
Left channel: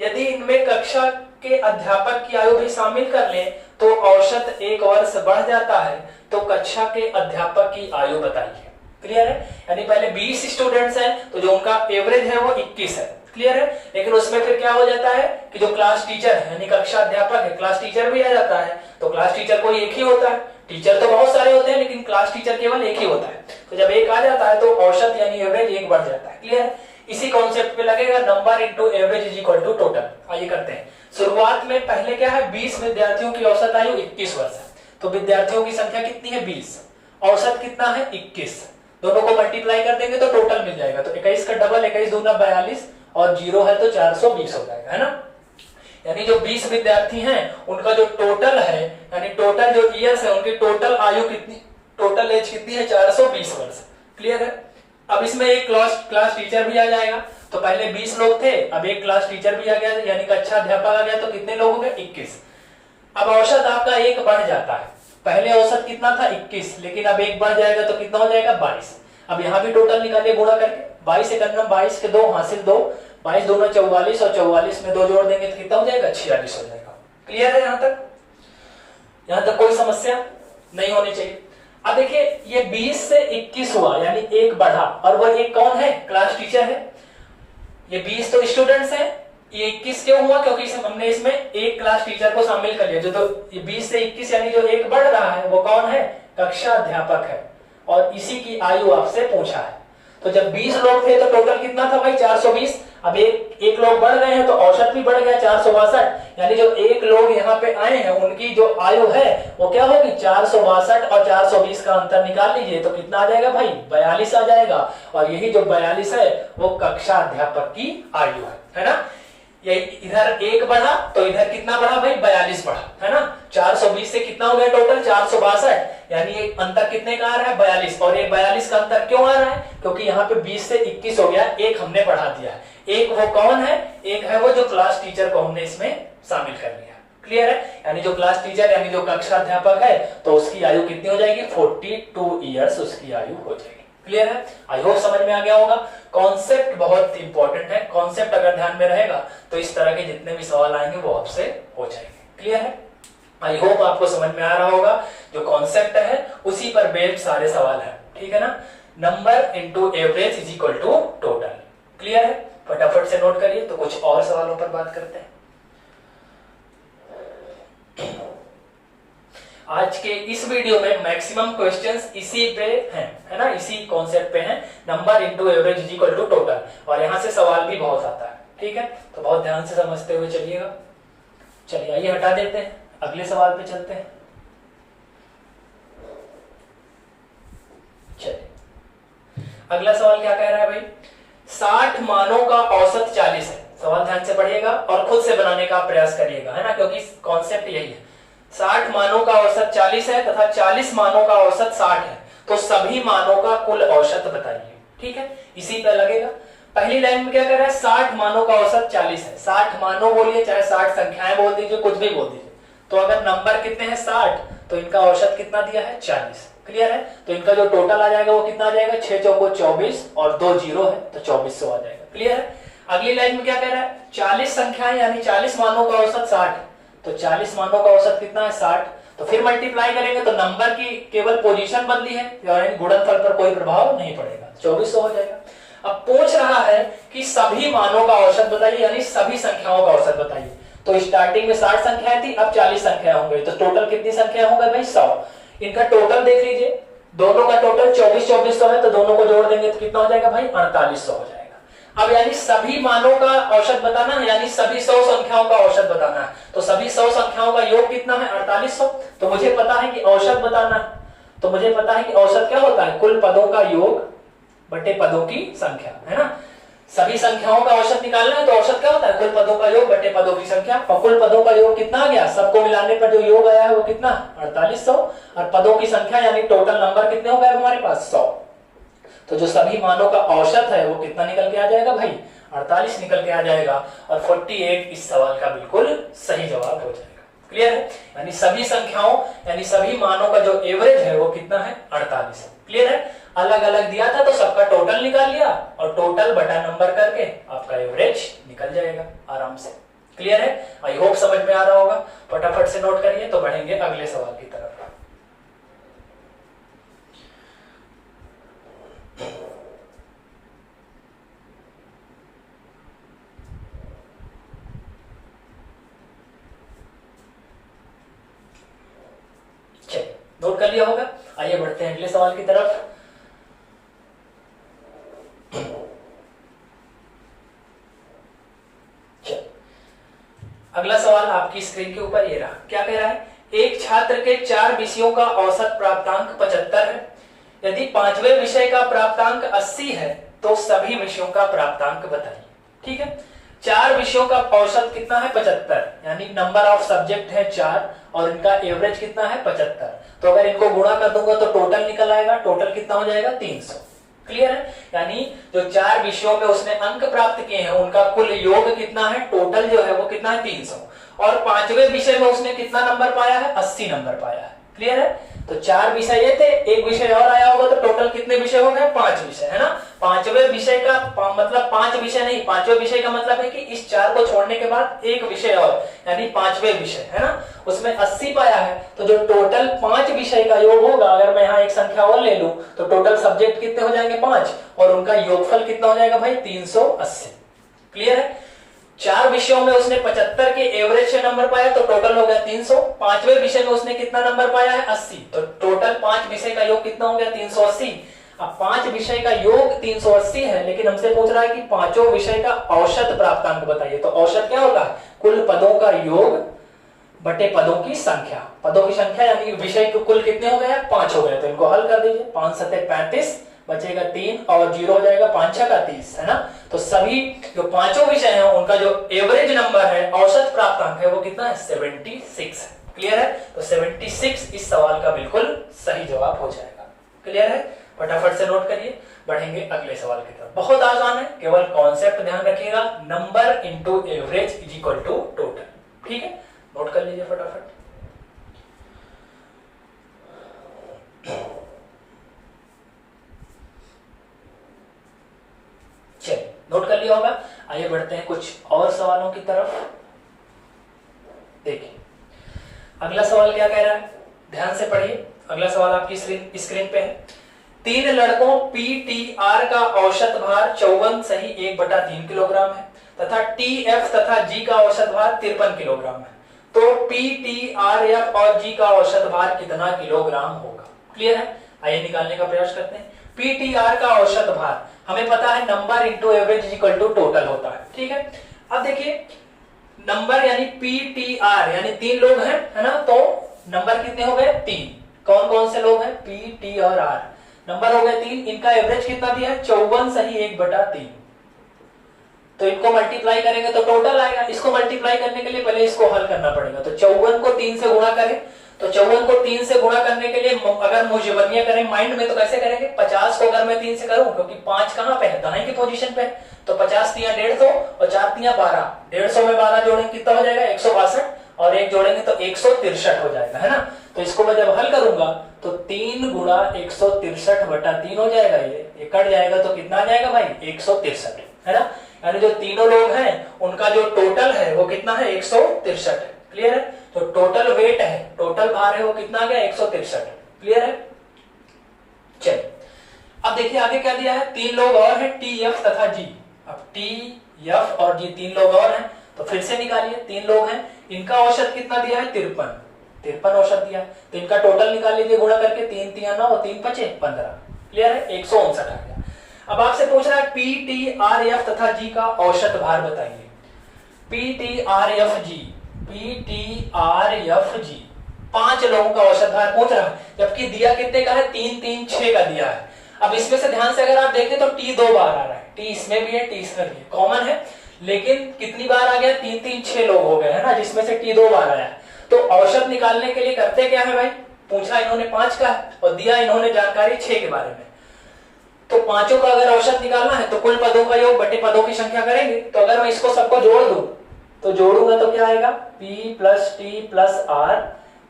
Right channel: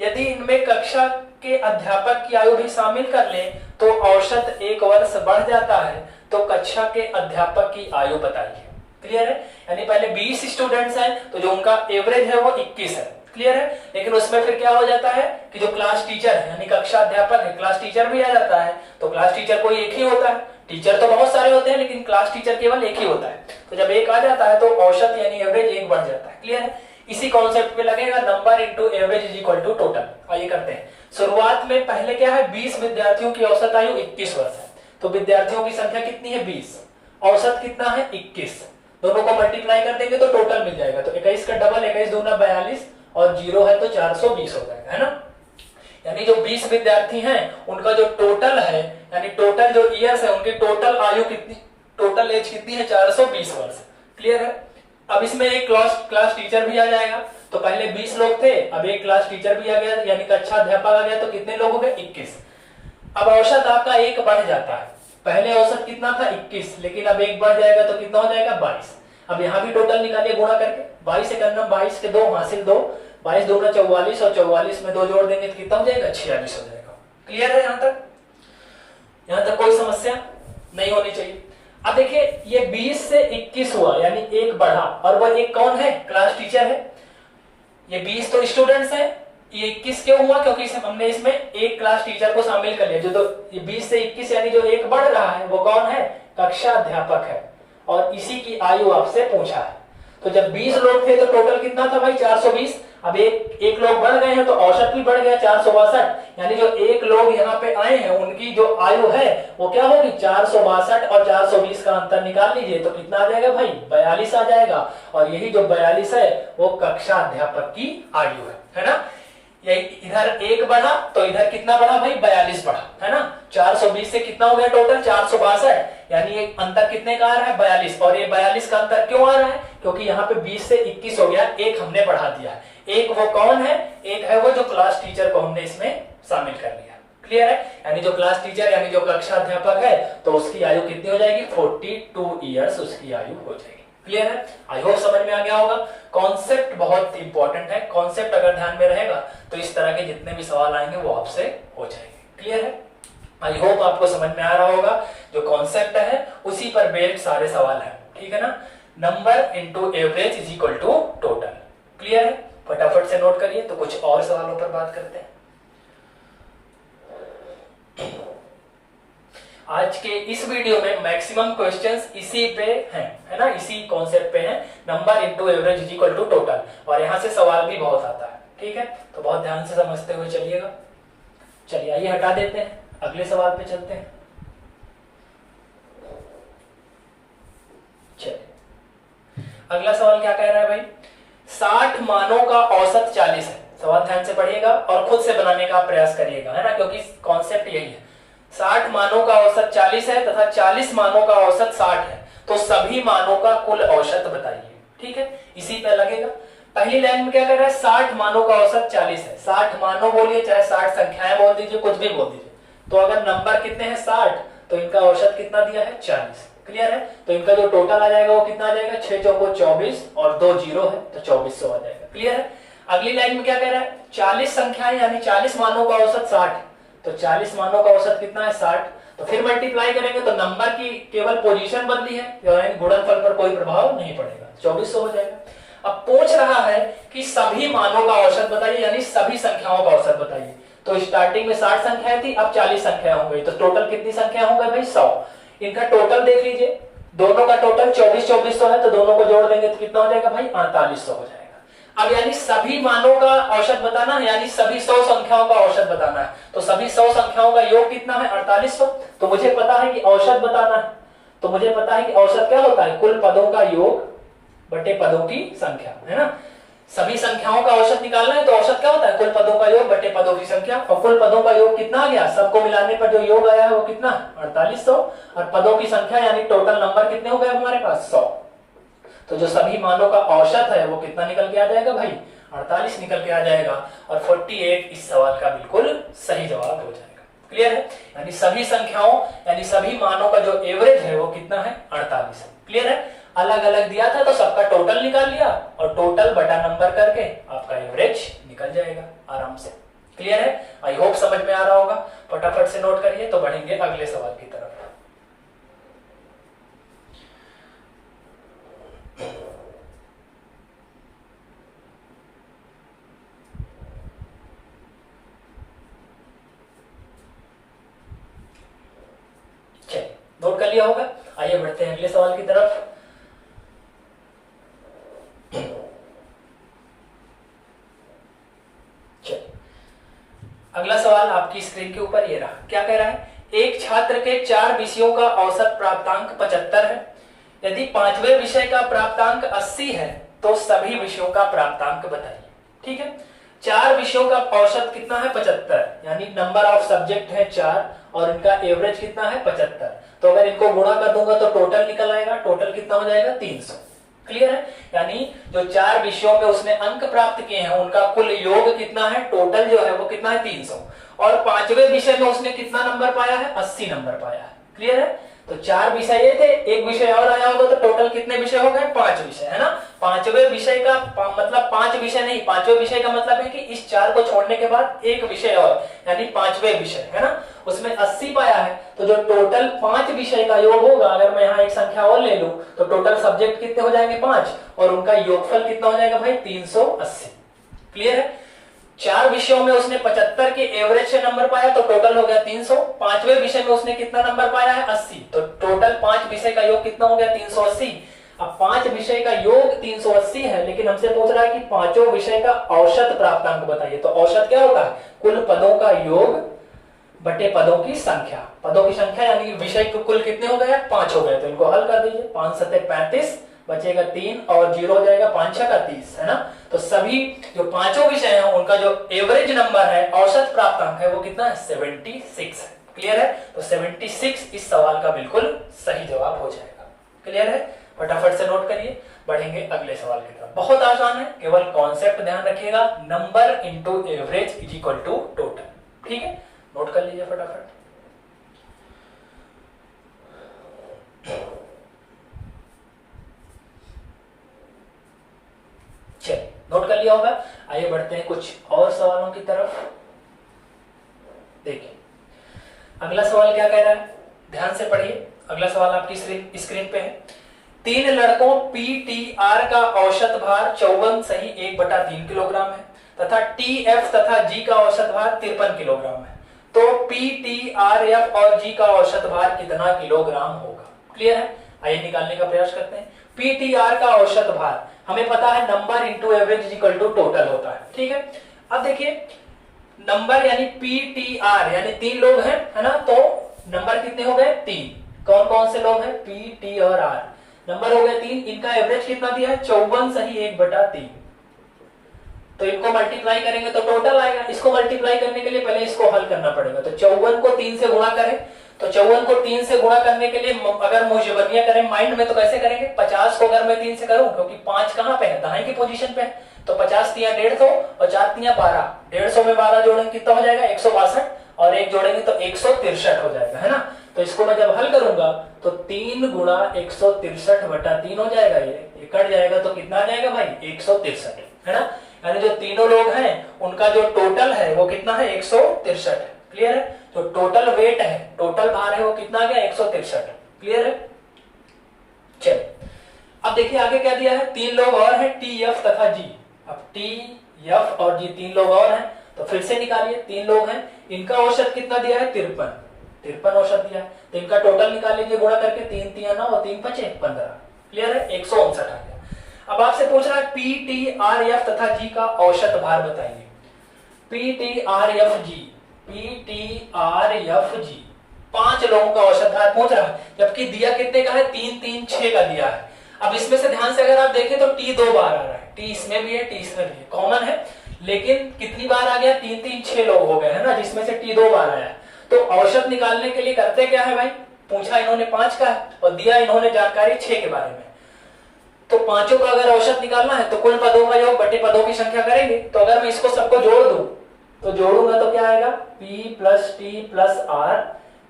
यदि इनमें कक्षा के अध्यापक की आयु भी शामिल कर लें तो औसत 1 वर्ष बढ़ जाता है, तो कक्षा के अध्यापक की आयु बताइए। क्लियर है, यानी पहले 20 स्टूडेंट्स हैं तो जो उनका एवरेज है वो 21 है, क्लियर है। लेकिन उसमें फिर क्या हो जाता है कि जो क्लास टीचर है यानी कक्षा अध्यापक है, क्लास टीचर भी आ जाता है। तो क्लास टीचर कोई एक ही होता है, टीचर तो बहुत सारे होते हैं लेकिन क्लास टीचर केवल एक ही होता है। तो जब एक आ जाता है तो औसत यानी एवरेज एक बढ़ जाता है। क्लियर है। इसी कॉन्सेप्ट पे लगेगा number into average is equal to total. आइए करते हैं। शुरुआत में पहले क्या है, 20 विद्यार्थियों की औसत आयु 21 वर्ष है। तो विद्यार्थियों की संख्या कितनी है 20, औसत कितना है 21। दोनों को मल्टीप्लाई कर देंगे तो टोटल मिल जाएगा। तो 21 का डबल 21 दूना 42 और 0 है तो 420 हो जाएगा, है ना। यानी जो 20 विद्यार्थी हैं उनका जो टोटल है यानी टोटल जो ईयर्स है उनकी टोटल आयु कितनी, टोटल एज कितनी है 420 वर्ष। क्लियर है। अब इसमें एक क्लास टीचर भी आ जाएगा। तो पहले 20 लोग थे, अब एक क्लास टीचर भी आ गया यानी कक्षा अध्यापक आ गया। तो कितने लोग हो गए 21। अब औसत आपका एक बढ़ जाता है। पहले औसत कितना था 21, लेकिन अब एक बढ़ जाएगा तो कितना हो जाएगा 22। अब यहाँ भी टोटल निकालिए गुणा करके, 22 एकम 22 के 2 हासिल 2, 22 दूना 44 और 44 में 2 जोड़ देंगे तो कितना हो जाएगा 46 हो जाएगा। क्लियर है। यहाँ तक कोई समस्या नहीं होनी चाहिए। अब देखिए ये 20 से 21 हुआ यानी एक बढ़ा, और वह एक कौन है, क्लास टीचर है। ये 20 तो स्टूडेंट्स हैं, ये 21 क्यों हुआ, क्योंकि हमने इसमें एक क्लास टीचर को शामिल कर लिया। जो तो ये 20 से 21 यानी जो एक बढ़ रहा है वो कौन है, कक्षा अध्यापक है, और इसी की आयु आपसे पूछा है। तो जब 20 लोग थे तो टोटल कितना था भाई 420। अब एक लोग बढ़ गए हैं तो औसत भी बढ़ गया 462। यानी जो एक लोग यहाँ पे आए हैं उनकी जो आयु है वो क्या होगी 462 और 420 का अंतर निकाल लीजिए तो कितना आ जाएगा भाई 42 आ जाएगा। और यही जो 42 है वो कक्षा अध्यापक की आयु है ना। यही इधर एक बढ़ा तो इधर कितना बढ़ा भाई 42 बढ़ा, है ना। 420 से कितना हो गया टोटल 462, यानी ये अंतर कितने का आ रहा है 42। और ये 42 का अंतर क्यों आ रहा है, क्योंकि यहाँ पे 20 से 21 हो गया, एक हमने बढ़ा दिया है। एक वो कौन है, एक है वो जो क्लास टीचर को हमने इसमें शामिल कर लिया। क्लियर है। यानी जो क्लास टीचर यानी जो कक्षा अध्यापक है तो उसकी आयु कितनी हो जाएगी 42 ईयर्स उसकी आयु हो जाएगी। क्लियर है। आई होप समझ में आ गया होगा। कॉन्सेप्ट बहुत इंपॉर्टेंट है, कॉन्सेप्ट अगर ध्यान में रहेगा तो इस तरह के जितने भी सवाल आएंगे वो आपसे हो जाएंगे। क्लियर है। आई होप आपको समझ में आ रहा होगा। जो कॉन्सेप्ट है उसी पर बेस्ड सारे सवाल है, ठीक है ना। Number into average is equal to total. Clear है। फटाफट से नोट करिए तो कुछ और सवालों पर बात करते हैं। आज के इस वीडियो में मैक्सिमम क्वेश्चंस इसी पे हैं, है ना, इसी कॉन्सेप्ट पे हैं, number into average is equal to total. और यहां से सवाल भी बहुत आता है, ठीक है। तो बहुत ध्यान से समझते हुए चलिएगा। चलिए आइए हटा देते हैं, अगले सवाल पे चलते हैं। चलिए अगला सवाल क्या कह रहा है भाई, 60 मानों का औसत 40 है। सवाल ध्यान से पढ़िएगा और खुद से बनाने का प्रयास करिएगा, है ना, क्योंकि कॉन्सेप्ट यही है। 60 मानों का औसत 40 है तथा 40 मानों का औसत 60 है, तो सभी मानों का कुल औसत बताइए। ठीक है, इसी पे लगेगा। पहली लाइन में क्या कर रहा है, 60 मानों का औसत 40 है। 60 मानों बोलिए चाहे 60 संख्याएं बोल दीजिए, कुछ भी बोल दीजिए। तो अगर नंबर कितने हैं 60 तो इनका औसत कितना दिया है 40। क्लियर है। तो इनका जो टोटल आ जाएगा वो कितना आ जाएगा 6 चौको 24 और 2 जीरो है तो 2400 आ जाएगा। क्लियर है। अगली लाइन में क्या कह रहा है, 40 संख्याएं यानी 40 मानों का औसत 60, तो 40 मानों का औसत कितना है 60। तो फिर मल्टीप्लाई करेंगे तो नंबर की केवल पोजीशन बदली है, यानी गुणनफल पर कोई प्रभाव नहीं पड़ेगा, 2400 हो जाएगा। अब पूछ रहा है कि सभी मानों का औसत बताइए, यानी सभी संख्याओं का औसत बताइए। तो स्टार्टिंग में 60 संख्याएं थी, अब 40 संख्या होंगी, तो टोटल कितनी संख्या होंगे भाई 100। इनका टोटल देख लीजिए, दोनों का टोटल 2400 है, तो दोनों को जोड़ देंगे तो कितना हो जाएगा भाई 4800 हो जाएगा। अब यानी सभी मानों का औसत बताना है, यानी सभी 100 संख्याओं का औसत बताना है। तो सभी 100 संख्याओं का योग कितना है 4800। तो मुझे पता है कि औसत बताना है, तो मुझे पता है कि औसत क्या होता है, कुल पदों का योग बटे पदों की संख्या, है ना। सभी संख्याओं का औसत निकालना है तो औसत क्या होता है, कुल पदों का योग बटे पदों की संख्या। और कुल पदों का योग कितना आ गया, सबको मिलाने पर जो योग आया है वो कितना 4800, और पदों की संख्या यानी टोटल नंबर कितने हो गए हमारे पास 100। तो जो सभी मानों का औसत है वो कितना निकल के आ जाएगा भाई 48 निकल के आ जाएगा। और 48 इस सवाल का बिल्कुल सही जवाब हो जाएगा। क्लियर है। यानी सभी संख्याओं यानी सभी मानों का जो एवरेज है वो कितना है 48। क्लियर है। अलग अलग दिया था तो सबका टोटल निकाल लिया और टोटल बटा नंबर करके आपका एवरेज निकल जाएगा आराम से। क्लियर है। आई होप समझ में आ रहा होगा। फटाफट से नोट करिए तो बढ़ेंगे अगले सवाल की तरफ। नोट कर लिया होगा। आइए बढ़ते हैं अगले सवाल की तरफ। अगला सवाल आपकी स्क्रीन के ऊपर ये रहा। क्या कह रहा है, एक छात्र के 4 विषयों का औसत प्राप्तांक 75 है। यदि 5वें विषय का प्राप्तांक 80 है तो सभी विषयों का प्राप्तांक बताइए। ठीक है, 4 विषयों का औसत कितना है 75, यानी नंबर ऑफ सब्जेक्ट है 4 और इनका एवरेज कितना है 75। तो अगर इनको गुणा कर दूंगा तो टोटल निकल आएगा। टोटल कितना हो जाएगा 300। क्लियर है, यानी जो 4 विषयों में उसने अंक प्राप्त किए हैं उनका कुल योग कितना है, टोटल जो है वो कितना है 300। और 5वें विषय में उसने कितना नंबर पाया है, 80 नंबर पाया है। क्लियर है, तो 4 विषय ये थे, एक विषय और आया होगा तो टोटल कितने विषय हो गए, 5 विषय, है ना। 5वें विषय का मतलब 5 विषय नहीं, 5वें विषय का मतलब है कि इस 4 को छोड़ने के बाद एक विषय और, यानी 5वें विषय, है ना, उसमें 80 पाया है। तो जो टोटल 5 विषय का योग होगा, अगर मैं यहाँ एक संख्या और ले लूं तो टोटल सब्जेक्ट कितने हो जाएंगे 5 और उनका योगफल कितना हो जाएगा भाई 380। क्लियर है, 4 विषयों में उसने 75 के एवरेज से नंबर पाया तो टोटल हो गया 300। 5वें विषय में उसने कितना नंबर पाया है 80, तो टोटल 5 विषय का योग कितना हो गया 380। अब 5 विषय का योग 380 है, लेकिन हमसे पूछ रहा है कि 5 विषय का औसत प्राप्तांक बताइए। तो औसत क्या होगा, कुल पदों का योग बटे पदों की संख्या। पदों की संख्या यानी विषय के कुल कितने हो गए 5 हो गए, तो इनको हल कर दीजिए। 5 सत्ते 35 बचेगा 3 और 0 हो जाएगा 5 छक्का 30, है ना। तो सभी जो 5 विषय हैं उनका जो एवरेज नंबर है, औसत प्राप्तांक है, वो कितना है 76 है। क्लियर है, तो 76 इस सवाल का बिल्कुल सही जवाब हो जाएगा। क्लियर है, फटाफट से नोट करिए, बढ़ेंगे अगले सवाल की तरफ। बहुत आसान है, केवल कॉन्सेप्ट ध्यान रखिएगा, number into average is equal to total. ठीक है, नोट कर लीजिए फटाफट। चलिए, नोट कर लिया होगा। आइए बढ़ते हैं कुछ और सवालों की तरफ। देखिए अगला सवाल क्या कह रहा है, ध्यान से पढ़िए। अगला सवाल आपकी स्क्रीन पे है। 3 लड़कों पीटीआर का औसत भार 54 सही 1/3 किलोग्राम है तथा टीएफ तथा जी का औसत भार 53 किलोग्राम है। तो पीटीआरएफ और जी का औसत भार कितना किलोग्राम होगा। क्लियर है, आइए निकालने का प्रयास करते हैं। पीटीआर का औसत भार हमें पता है number into average equal to total होता है। ठीक है, अब देखिए नंबर यानी पीटीआर यानी 3 लोग हैं, है ना, तो नंबर कितने हो गए 3। कौन कौन से लोग हैं, पी टी और आर, नंबर हो गए 3। इनका एवरेज कितना दिया है 54 सही 1/3। तो इनको मल्टीप्लाई करेंगे तो टोटल आएगा। इसको मल्टीप्लाई करने के लिए पहले इसको हल करना पड़ेगा। तो 54 को 3 से गुणा करें, तो 54 को 3 से गुणा करने के लिए अगर मुजबनिया करें माइंड में तो कैसे करेंगे, 50 को अगर मैं 3 से करूं, क्योंकि 5 कहां पे है, दाएं की पोजीशन पे है, तो 50 तिया 150 और 4 तिया 12। 150 में 12 जोड़ेंगे कितना हो जाएगा 162 और 1 जोड़ेंगे तो 163 हो जाएगा, है ना। तो इसको मैं जब हल करूंगा तो 3 गुणा 163/3 हो जाएगा। ये कट जाएगा तो कितना आ जाएगा भाई 163, है ना। यानी जो तीनों लोग हैं उनका जो टोटल है वो कितना है 163 है। क्लियर है, तो टोटल वेट है, टोटल भार है वो कितना आ गया 163। क्लियर है, चलिए अब देखिए आगे क्या दिया है। 3 लोग और हैं टी एफ तथा जी। अब टी एफ और जी 3 लोग और हैं, तो फिर से निकालिए। 3 लोग हैं, इनका औसत कितना दिया है 53 औसत दिया है, तो इनका टोटल निकाल लीजिए गुणा करके। 3 तिया 9 और 3 5 15। क्लियर है, 159 आ गया। अब आपसे पूछ रहा है पी टी आर एफ तथा जी का औसत भार बताइए। P T R F G, P T R F G 5 लोगों का औसत भार पूछ रहा है, जबकि दिया कितने का है 3 3 6 का दिया है। अब इसमें से ध्यान से अगर आप देखें तो टी 2 बार आ रहा है, टी इसमें भी है टी इसमें भी है, कॉमन है, लेकिन कितनी बार आ गया 3 3 6 लोग हो गए, है ना, जिसमें से टी 2 बार आया है। तो औसत निकालने के लिए करते क्या है भाई, पूछा इन्होंने 5 का है और दिया इन्होंने जानकारी 6 के बारे में। तो 5 का अगर औसत निकालना है तो कुल पदों का योग बटे पदों की संख्या करेंगे। तो अगर मैं इसको सबको जोड़ दूं तो जोड़ूंगा तो क्या आएगा P plus T plus R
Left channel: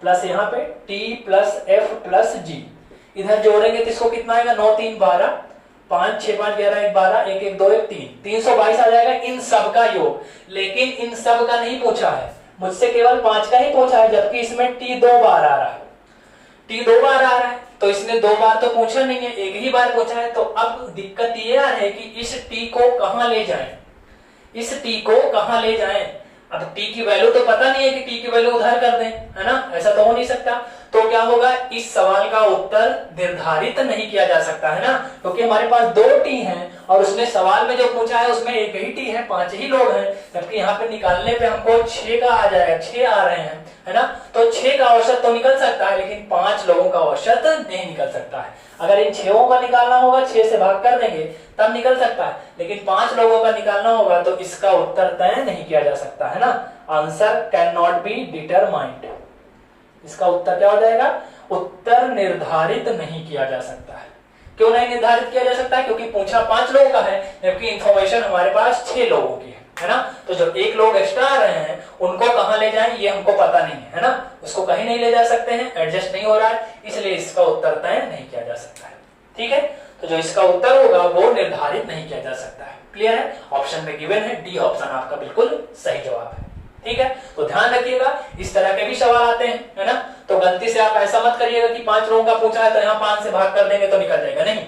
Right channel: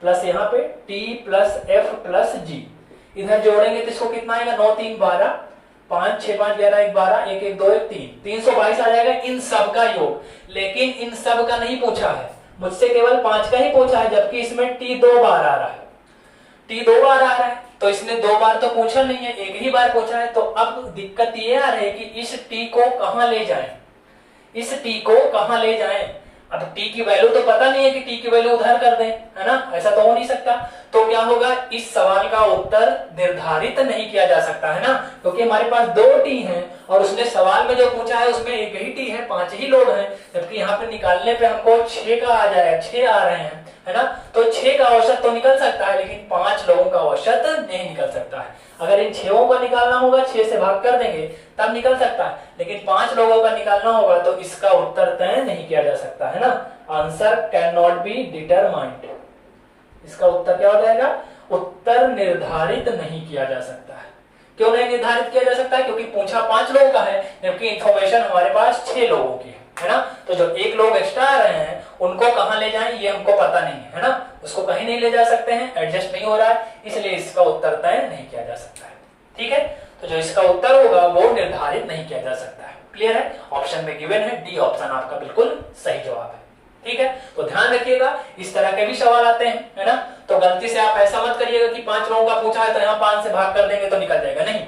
plus यहाँ पे T plus F plus G. इधर जोड़ेंगे तो इसको कितना आएगा 9 3 12, 5 6 5 11 1 12, 1 1 2 1 3, 322 आ जाएगा इन सब का योग। लेकिन इन सब का नहीं पूछा है, मुझसे केवल 5 का ही पूछा है, जबकि इसमें T 2 बार आ रहा है, T 2 बार आ रहा है, तो इसने 2 बार तो पूछा नहीं है, एक ही बार पूछा है। तो अब दिक्कत ये आ रही है कि इस T को कहां ले जाएं, इस T को कहां ले जाएं। अब T की वैल्यू तो पता नहीं है कि T की वैल्यू उधार कर दें, है ना, ऐसा तो हो नहीं सकता। तो क्या होगा, इस सवाल का उत्तर निर्धारित नहीं किया जा सकता है ना, क्योंकि हमारे पास 2 टी हैं और उसने सवाल में जो पूछा है उसमें एक ही टी है, 5 ही लोग हैं, जबकि यहाँ पे निकालने पे हमको 6 का आ जाएगा, 6 आ रहे हैं, है ना। तो 6 का औसत तो निकल सकता है, लेकिन 5 लोगों का औसत नहीं निकल सकता है। अगर इन 6 का निकालना होगा, 6 से भाग कर देंगे तब निकल सकता है, लेकिन 5 लोगों का निकालना होगा तो इसका उत्तर तय नहीं किया जा सकता है ना। Answer can not be determined, इसका उत्तर क्या हो जाएगा, उत्तर निर्धारित नहीं किया जा सकता है। क्यों नहीं निर्धारित किया जा सकता है, क्योंकि पूछा 5 लोगों का है, जबकि इंफॉर्मेशन हमारे पास 6 लोगों की है ना। तो जो 1 लोग एक्स्ट्रा आ रहे हैं उनको कहां ले जाएं ये हमको पता नहीं है ना, उसको कहीं नहीं ले जा सकते हैं, एडजस्ट नहीं हो रहा है, इसलिए इसका उत्तर तय नहीं किया जा सकता है। ठीक है, तो जो इसका उत्तर होगा वो निर्धारित नहीं किया जा सकता है। क्लियर है, ऑप्शन में गिवन है, डी ऑप्शन आपका बिल्कुल सही जवाब है। ठीक है, तो ध्यान रखिएगा, इस तरह के भी सवाल आते हैं, है ना। तो गलती से आप ऐसा मत करिएगा कि 5 लोगों का पूछा है तो यहाँ 5 से भाग कर देंगे तो निकल जाएगा, नहीं।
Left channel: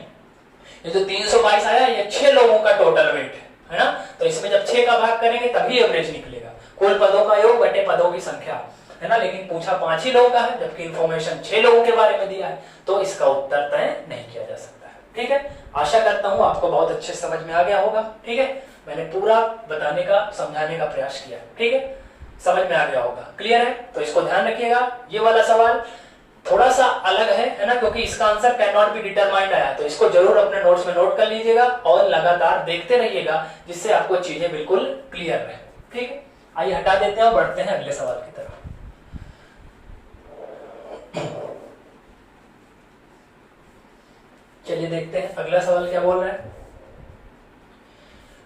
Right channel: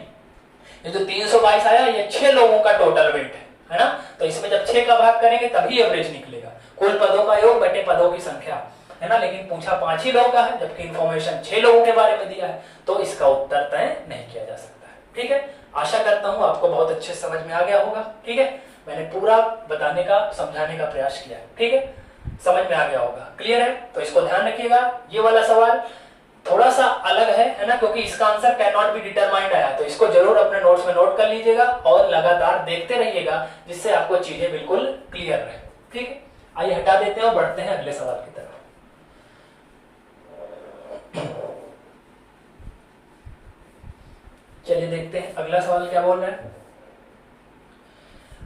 ये जो 322 आया ये 6 लोगों का टोटल वेट है ना, तो इसमें जब 6 का भाग करेंगे तभी एवरेज निकलेगा, कुल पदों का योग बटे पदों की संख्या, है ना। लेकिन पूछा 5 ही लोगों का है, जबकि इन्फॉर्मेशन 6 लोगों के बारे में दिया है, तो इसका उत्तर तय नहीं किया जा सकता है। ठीक है, आशा करता हूं आपको बहुत अच्छे समझ में आ गया होगा। ठीक है, मैंने पूरा बताने का, समझाने का प्रयास किया है। ठीक है, समझ में आ गया होगा, क्लियर है। तो इसको ध्यान रखिएगा, ये वाला सवाल थोड़ा सा अलग है ना, क्योंकि इसका answer can not be determined आया, तो इसको जरूर अपने नोट्स में नोट कर लीजिएगा और लगातार देखते रहिएगा, जिससे आपको चीजें बिल्कुल क्लियर रहे। ठीक है, आइए हटा देते हैं और बढ़ते हैं अगले सवाल की तरफ। चलिए देखते हैं अगला सवाल क्या बोल रहा है।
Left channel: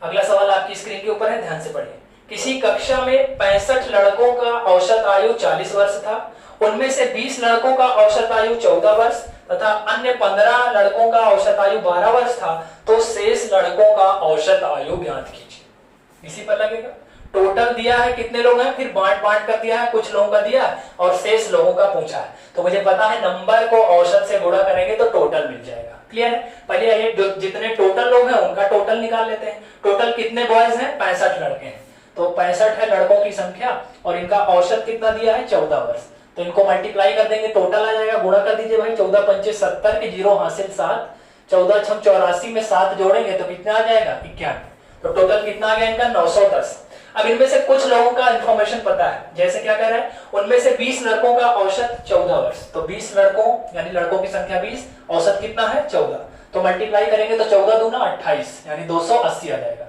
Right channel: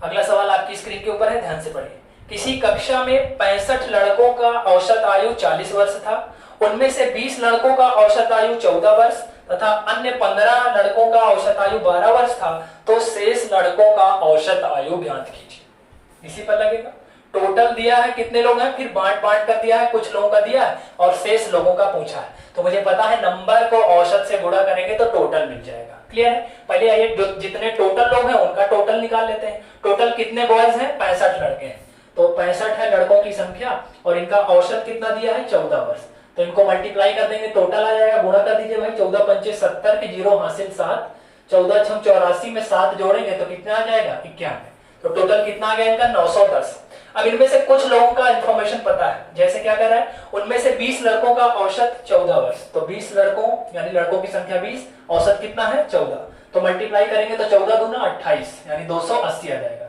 अगला सवाल आपकी स्क्रीन के ऊपर है, ध्यान से पढ़िए। किसी कक्षा में 65 लड़कों का औसत आयु 40 वर्ष था, उनमें से 20 लड़कों का औसत आयु 14 वर्ष तथा अन्य 15 लड़कों का औसत आयु 12 वर्ष था, तो शेष लड़कों का औसत आयु ज्ञात कीजिए। इसी पर लगेगा, टोटल दिया है कितने लोग हैं, फिर बांट बांट कर दिया है, कुछ लोगों का दिया है और शेष लोगों का पूछा है, तो मुझे पता है नंबर को औसत से गुणा करेंगे तो टोटल मिल जाएगा। क्लियर है, पहले आइए जितने टोटल लोग हैं उनका टोटल निकाल लेते हैं। टोटल कितने बॉयज हैं, 65 लड़के हैं, तो 65 है लड़कों की संख्या और इनका औसत कितना दिया है, 14 वर्ष, तो इनको मल्टीप्लाई कर देंगे, टोटल आ जाएगा। गुणा कर दीजिए भाई, 14 पंचे 70 के 0 हासिल 7, 14 छम 84 में 7 जोड़ेंगे तो कितना आ जाएगा, 91, तो टोटल कितना आ गया इनका, 910। अब इनमें से कुछ लोगों का इंफॉर्मेशन पता है, जैसे क्या कह रहा है, उनमें से 20 लड़कों का औसत 14 वर्ष, तो 20 लड़कों यानी लड़कों की संख्या 20, औसत कितना है 14, तो मल्टीप्लाई करेंगे तो 14 दूना 28 यानी 280 आ जाएगा।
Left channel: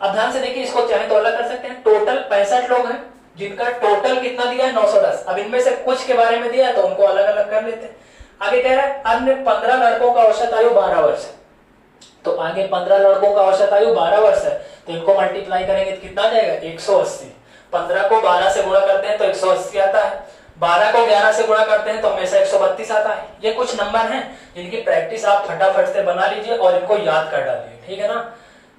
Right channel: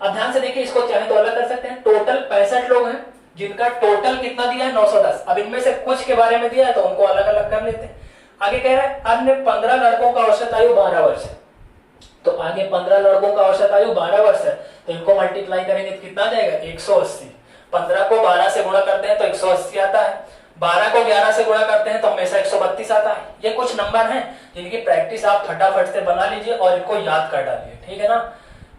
अब ध्यान से देखिए, इसको चाहे तो अलग कर सकते हैं। टोटल 65 लोग हैं जिनका टोटल कितना दिया है, 910। अब इनमें से कुछ के बारे में दिया है तो उनको अलग अलग कर लेते हैं। आगे कह रहा है अन्य 15 लड़कों का औसत आयु 12 वर्ष है, तो आगे 15 लड़कों का औसत आयु 12 वर्ष है, तो इनको मल्टीप्लाई करेंगे तो कितना आ जाएगा, 180। 15 को 12 से गुणा करते हैं तो 180 आता है, 12 को 11 से गुणा करते हैं तो हमेशा 132 आता है। ये कुछ नंबर हैं जिनकी प्रैक्टिस आप फटाफट से बना लीजिए और इनको याद कर डालिए, ठीक है ना।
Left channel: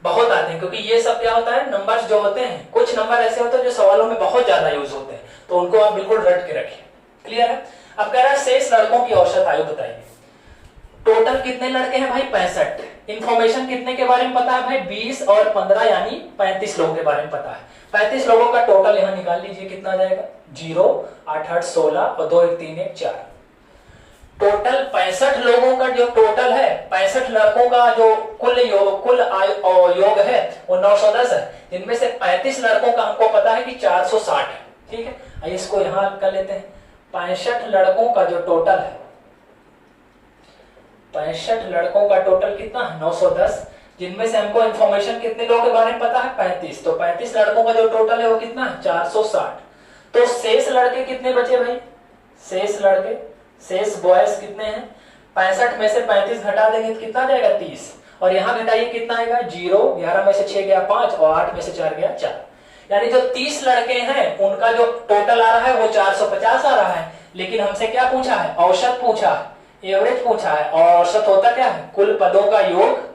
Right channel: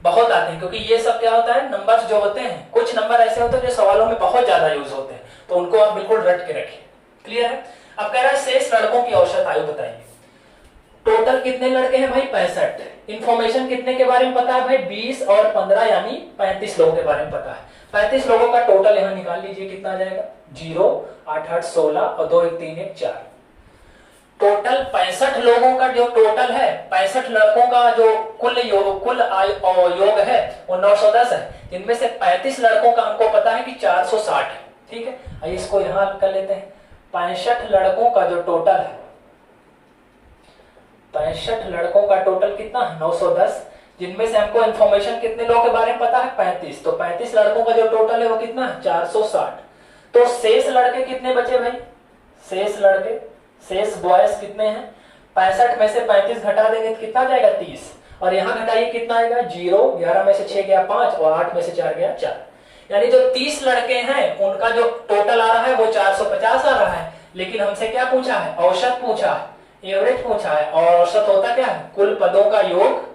बहुत आते हैं, क्योंकि ये सब क्या होता है, नंबर्स जो होते हैं, कुछ नंबर ऐसे होते हैं जो सवालों में बहुत ज्यादा यूज होते हैं, तो उनको आप बिल्कुल रट के रखिए। क्लियर है। अब कह रहा है शेष लड़कों की औसत आयु बताइए। टोटल कितने लड़के हैं भाई, 65। इंफॉर्मेशन कितने के बारे में पता है भाई, 20 और 15 यानी 35 लोगों के बारे में पता है। 35 लोगों का टोटल यहां निकाल लीजिए, कितना आ जाएगा, 0 8 8 16 और 2 1 3 1 4। टोटल 65 लोगों का जो टोटल है, 65 लड़कों का जो कुल योग है वो 910 है, जिनमें से 35 लड़कों का हमको पता है कि 460 है। ठीक है, आइए इसको यहां कर लेते हैं। 65 लड़कों का जो टोटल है, 65 लड़कों का टोटल कितना है, 910, जिनमें से हमको इंफॉर्मेशन कितने लोगों के बारे में पता है, 35, तो 35 लड़कों का जो टोटल है वो कितना है, 460। तो शेष लड़के कितने बचे भाई, शेष लड़के, शेष बॉयज कितने हैं, 65 में से 35 घटा देंगे तो कितना आ जाएगा, 30, और यहां घटाइए कितना आएगा, 0, 11 में से 6 गया 5 और 8 में से 4 गया 4, यानी जो 30 लड़के हैं उनका जो टोटल आ रहा है वो 450 आ रहा है। लेकिन हमसे क्या पूछा है, औसत पूछा है, एवरेज पूछा है, और औसत होता क्या है, कुल पदों का योग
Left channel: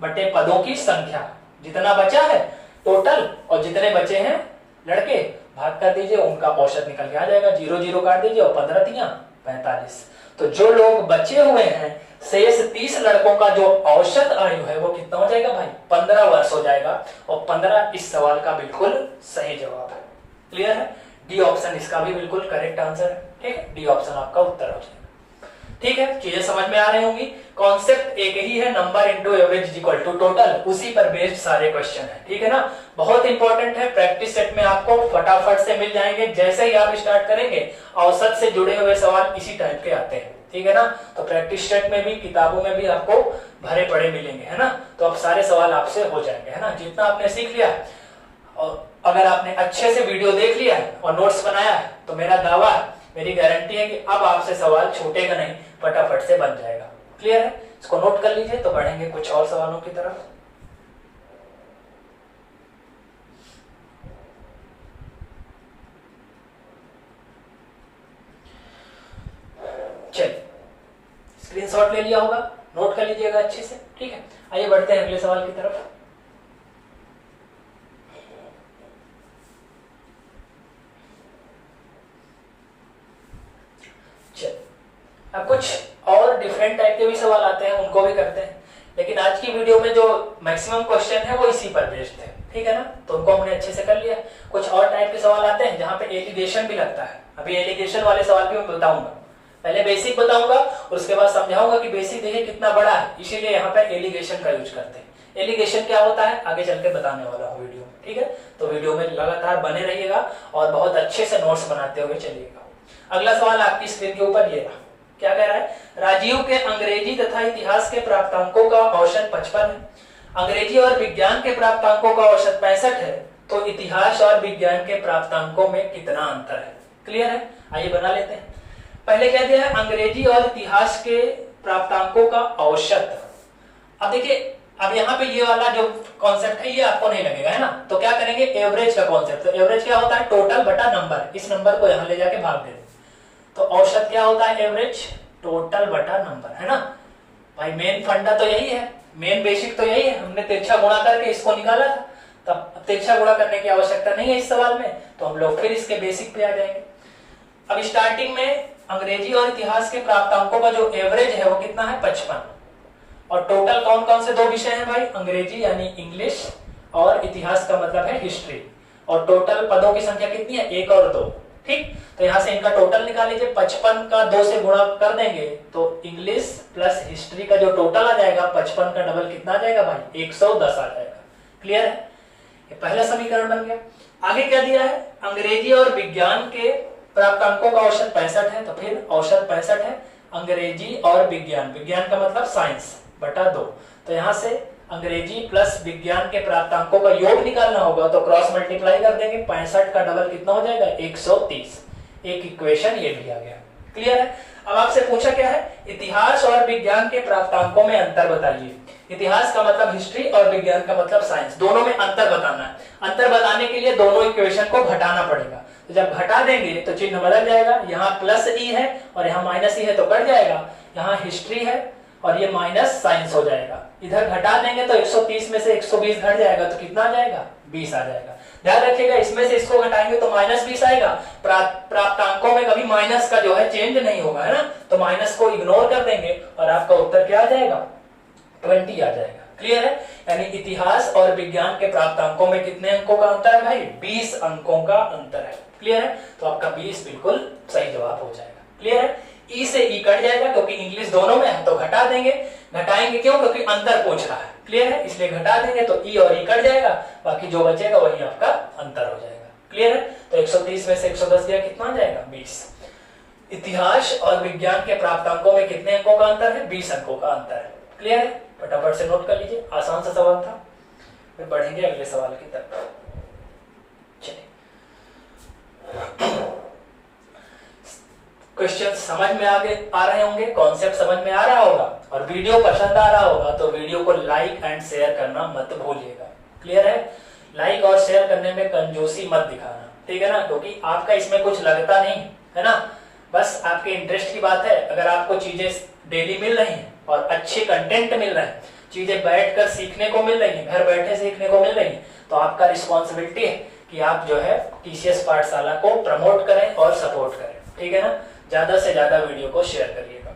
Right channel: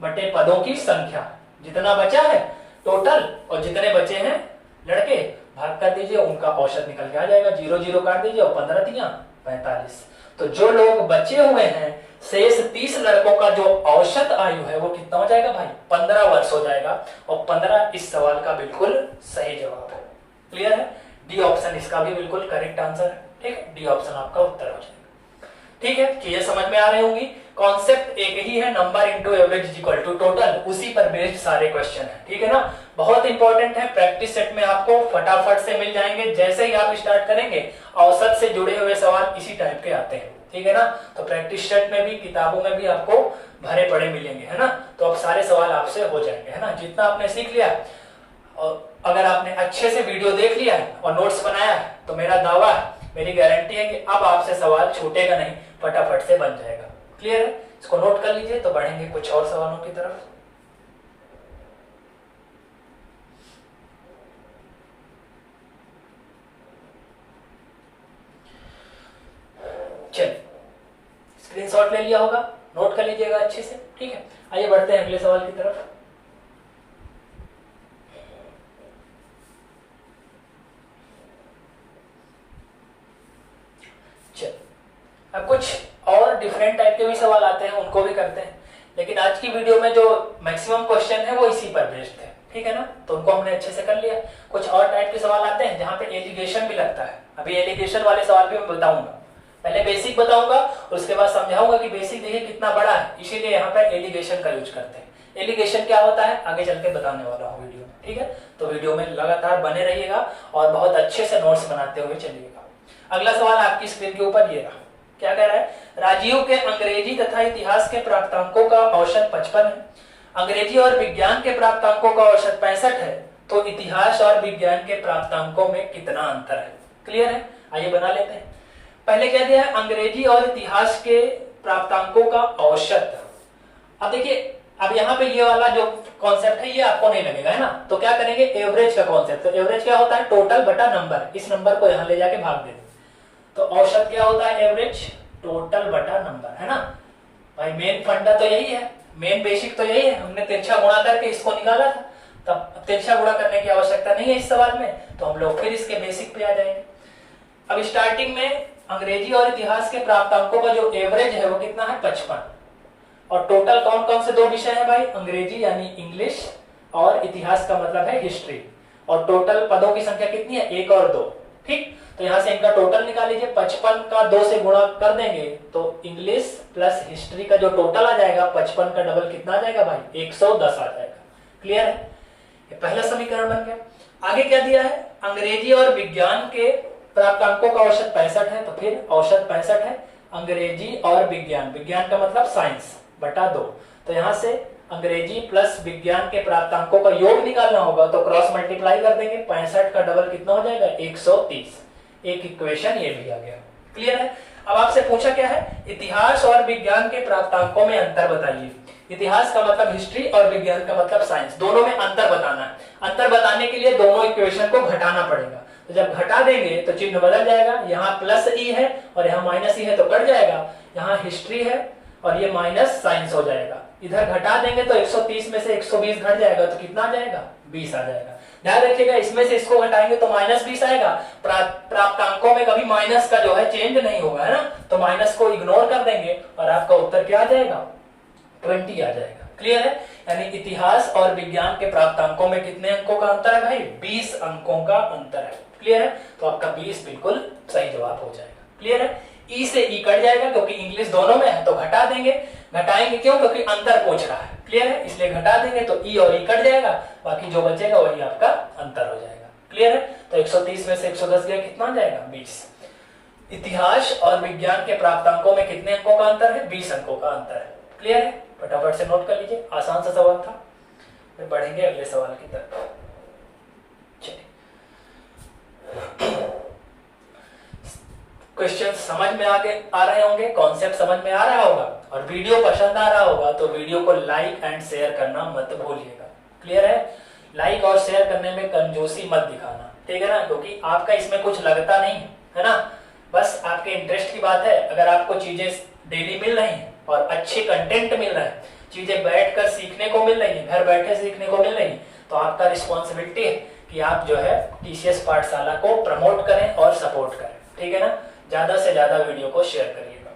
बटे पदों की संख्या। जितना बचा है टोटल और जितने बचे हैं लड़के भाग कर दीजिए, उनका औसत निकल के आ जाएगा। 0 0 काट दीजिए और 15 तिया 45। तो जो लोग बचे हुए हैं शेष 30 लड़कों का जो औसत आयु है वो कितना हो जाएगा भाई, 15 वर्ष हो जाएगा, और 15 इस सवाल का बिल्कुल सही जवाब है। क्लियर है, डी ऑप्शन इसका भी बिल्कुल करेक्ट आंसर है। ठीक है, डी ऑप्शन आपका उत्तर हो जाएगा। ठीक है, चीजें समझ में आ रही होंगी। कॉन्सेप्ट एक ही है, number into average is equal to total, उसी पर बेस्ड सारे क्वेश्चन है। ठीक है ना, बहुत इंपॉर्टेंट है, प्रैक्टिस सेट में आपको फटाफट से मिल जाएंगे। जैसे ही आप स्टार्ट करेंगे औसत से जुड़े हुए सवाल इसी टाइप के आते हैं। ठीक है ना, तो प्रैक्टिस सेट में भी किताबों में भी आपको भरे पड़े मिलेंगे, है ना। तो अब सारे सवाल आपसे हो जाएंगे, है ना। जितना आपने सीख लिया और अगर आपने अच्छे से वीडियो देख लिया और नोट्स बनाया तो मेरा दावा, मेरी गारंटी है कि अब आपसे सवाल छूटेगा नहीं, फटाफट से बन जाएगा। क्लियर है, इसको नोट कर लीजिए। तो बढ़ेंगे कुछ और सवालों की तरफ। चलिए, स्क्रीनशॉट ले लिया होगा, नोट कर लीजिएगा अच्छे से। ठीक है, आइए बढ़ते हैं अगले सवाल की तरफ। अब कुछ और डिफरेंट टाइप के भी सवाल आते हैं, उनको भी करते हैं, लेकिन आज की वीडियो में जो मैक्सिमम क्वेश्चन है वो इसी पर बेस्ड है। ठीक है ना, तो उनको हमने अच्छे से कर लिया। कुछ और टाइप के सवाल आते हैं जहाँ पे एलिगेशन भी लगता है। अभी एलिगेशन वाले सवाल भी मैं बताऊंगा, पहले बेसिक बताऊंगा, उसके बाद समझाऊंगा कि बेसिक देखिए कितना बड़ा है, इसीलिए यहाँ पे एलिगेशन का यूज करते हैं। एलिगेशन क्या होता है आगे चल के बताने वाला हूँ वीडियो में। ठीक है, तो वीडियो में लगातार बने रहिएगा और बहुत अच्छे से नोट्स बनाते हुए चलिएगा। अगला सवाल आपकी स्क्रीन के ऊपर ये रहा, क्या कह रहा है, राजीव के अंग्रेजी तथा इतिहास के प्राप्तांकों का औसत 55 है, अंग्रेजी और विज्ञान के प्राप्तांकों का औसत 65 है, तो इतिहास और विज्ञान के प्राप्तांकों में कितना अंतर है। क्लियर है, आइए बना लेते हैं। पहले क्या दिया है, अंग्रेजी और इतिहास के प्राप्तांकों का औसत। अब देखिए, अब यहाँ पे ये वाला जो कॉन्सेप्ट है ये आपको नहीं लगेगा, है ना। तो क्या करेंगे, एवरेज का कॉन्सेप्ट। तो एवरेज क्या होता है, टोटल बटा नंबर, इस नंबर को यहाँ ले जाके भाग दे। तो औसत क्या होता है, एवरेज टोटल बटा नंबर, है ना भाई। मेन फंडा तो यही है, मेन बेसिक तो यही है। हमने तिरछा गुणा करके इसको निकाला था, तब तिरछा गुणा करने की आवश्यकता नहीं है इस सवाल में, तो हम लोग फिर इसके बेसिक पे आ जाएंगे। अब स्टार्टिंग में अंग्रेजी और इतिहास के प्राप्तांकों का जो एवरेज है वो कितना है, 55। और टोटल कौन कौन से दो विषय है भाई, अंग्रेजी यानी इंग्लिश और इतिहास का मतलब है हिस्ट्री। और टोटल पदों की संख्या कितनी है, 1 और 2। ठीक, तो यहां से इनका टोटल निकाल लीजिए। 55 का 2 से गुणा कर देंगे तो इंग्लिश प्लस हिस्ट्री का जो टोटल आ जाएगा, 55 का डबल कितना आ जाएगा भाई, 110 आ जाएगा। क्लियर है, ये पहला समीकरण बन गया। आगे क्या दिया है, अंग्रेजी और विज्ञान के प्राप्तांकों का औसत 65 है, तो फिर औसत 65 है, अंग्रेजी और विज्ञान, विज्ञान का मतलब साइंस, बटा 2। तो यहां से अंग्रेजी प्लस विज्ञान के प्राप्तांकों का योग निकालना होगा, तो क्रॉस मल्टीप्लाई कर देंगे। 65 का डबल कितना हो जाएगा, 130। एक इक्वेशन ये भी आ गया। क्लियर है, अब आपसे पूछा क्या है, इतिहास और विज्ञान के प्राप्तांकों में अंतर बताइए। इतिहास का मतलब हिस्ट्री और विज्ञान का मतलब साइंस, दोनों में अंतर बताना है। अंतर बताने के लिए दोनों इक्वेशन को घटाना पड़ेगा। तो जब घटा देंगे तो चिन्ह बदल जाएगा, यहाँ प्लस ई है और यहाँ माइनस ई है तो कट जाएगा, यहाँ हिस्ट्री है और ये माइनस साइंस हो जाएगा। इधर घटा देंगे तो 130 में से 120 घट जाएगा, तो कितना आ जाएगा, 20 आ जाएगा। ध्यान रखिएगा, इसमें से इसको घटाएंगे तो -20 आएगा। प्राप्तांकों में कभी माइनस का जो है चेंज नहीं होगा, है ना। तो माइनस को इग्नोर कर देंगे और आपका उत्तर क्या आ जाएगा, 20 आ जाएगा। क्लियर है, यानी इतिहास और विज्ञान के प्राप्तांकों में कितने अंकों का अंतर है भाई, 20 अंकों का अंतर है। क्लियर है, तो आपका 20 बिल्कुल सही जवाब हो जाएगा। क्लियर है, ई से ई कट जाएगा क्योंकि इंग्लिश दोनों में है, तो घटा देंगे। घटाएंगे क्यों, क्योंकि अंतर पूछ रहा है। क्लियर है, इसलिए घटा देंगे तो ई और ई कट जाएगा, बाकी जो बचेगा वही आपका अंतर हो जाएगा। क्लियर है, तो 130 में से 110 गया, कितना आ जाएगा, 20। इतिहास और विज्ञान के प्राप्तांकों में कितने अंकों का अंतर है, 20 अंकों का अंतर है। क्लियर है, फटाफट से नोट कर लीजिए, आसान सा सवाल था। फिर बढ़ेंगे अगले सवाल की तरफ। चलिए, क्वेश्चन समझ में आ रहे होंगे, कॉन्सेप्ट समझ में आ रहा होगा और वीडियो पसंद आ रहा होगा तो वीडियो को लाइक एंड शेयर करना मत भूलिएगा। क्लियर है, लाइक और शेयर करने में कंजूसी मत दिखाना, ठीक है ना, क्योंकि आपका इसमें कुछ लगता नहीं है ना, बस आपके इंटरेस्ट की बात है। अगर आपको चीजें डेली मिल रही हैं और अच्छे कंटेंट मिल रहे हैं, चीजें बैठकर सीखने को मिल रही है, घर बैठे सीखने को मिल रही है, तो आपका रिस्पॉन्सिबिलिटी है कि आप जो है टीसीएस पाठशाला को प्रमोट करें और सपोर्ट करें। ठीक है ना, ज्यादा से ज्यादा वीडियो को शेयर करिएगा।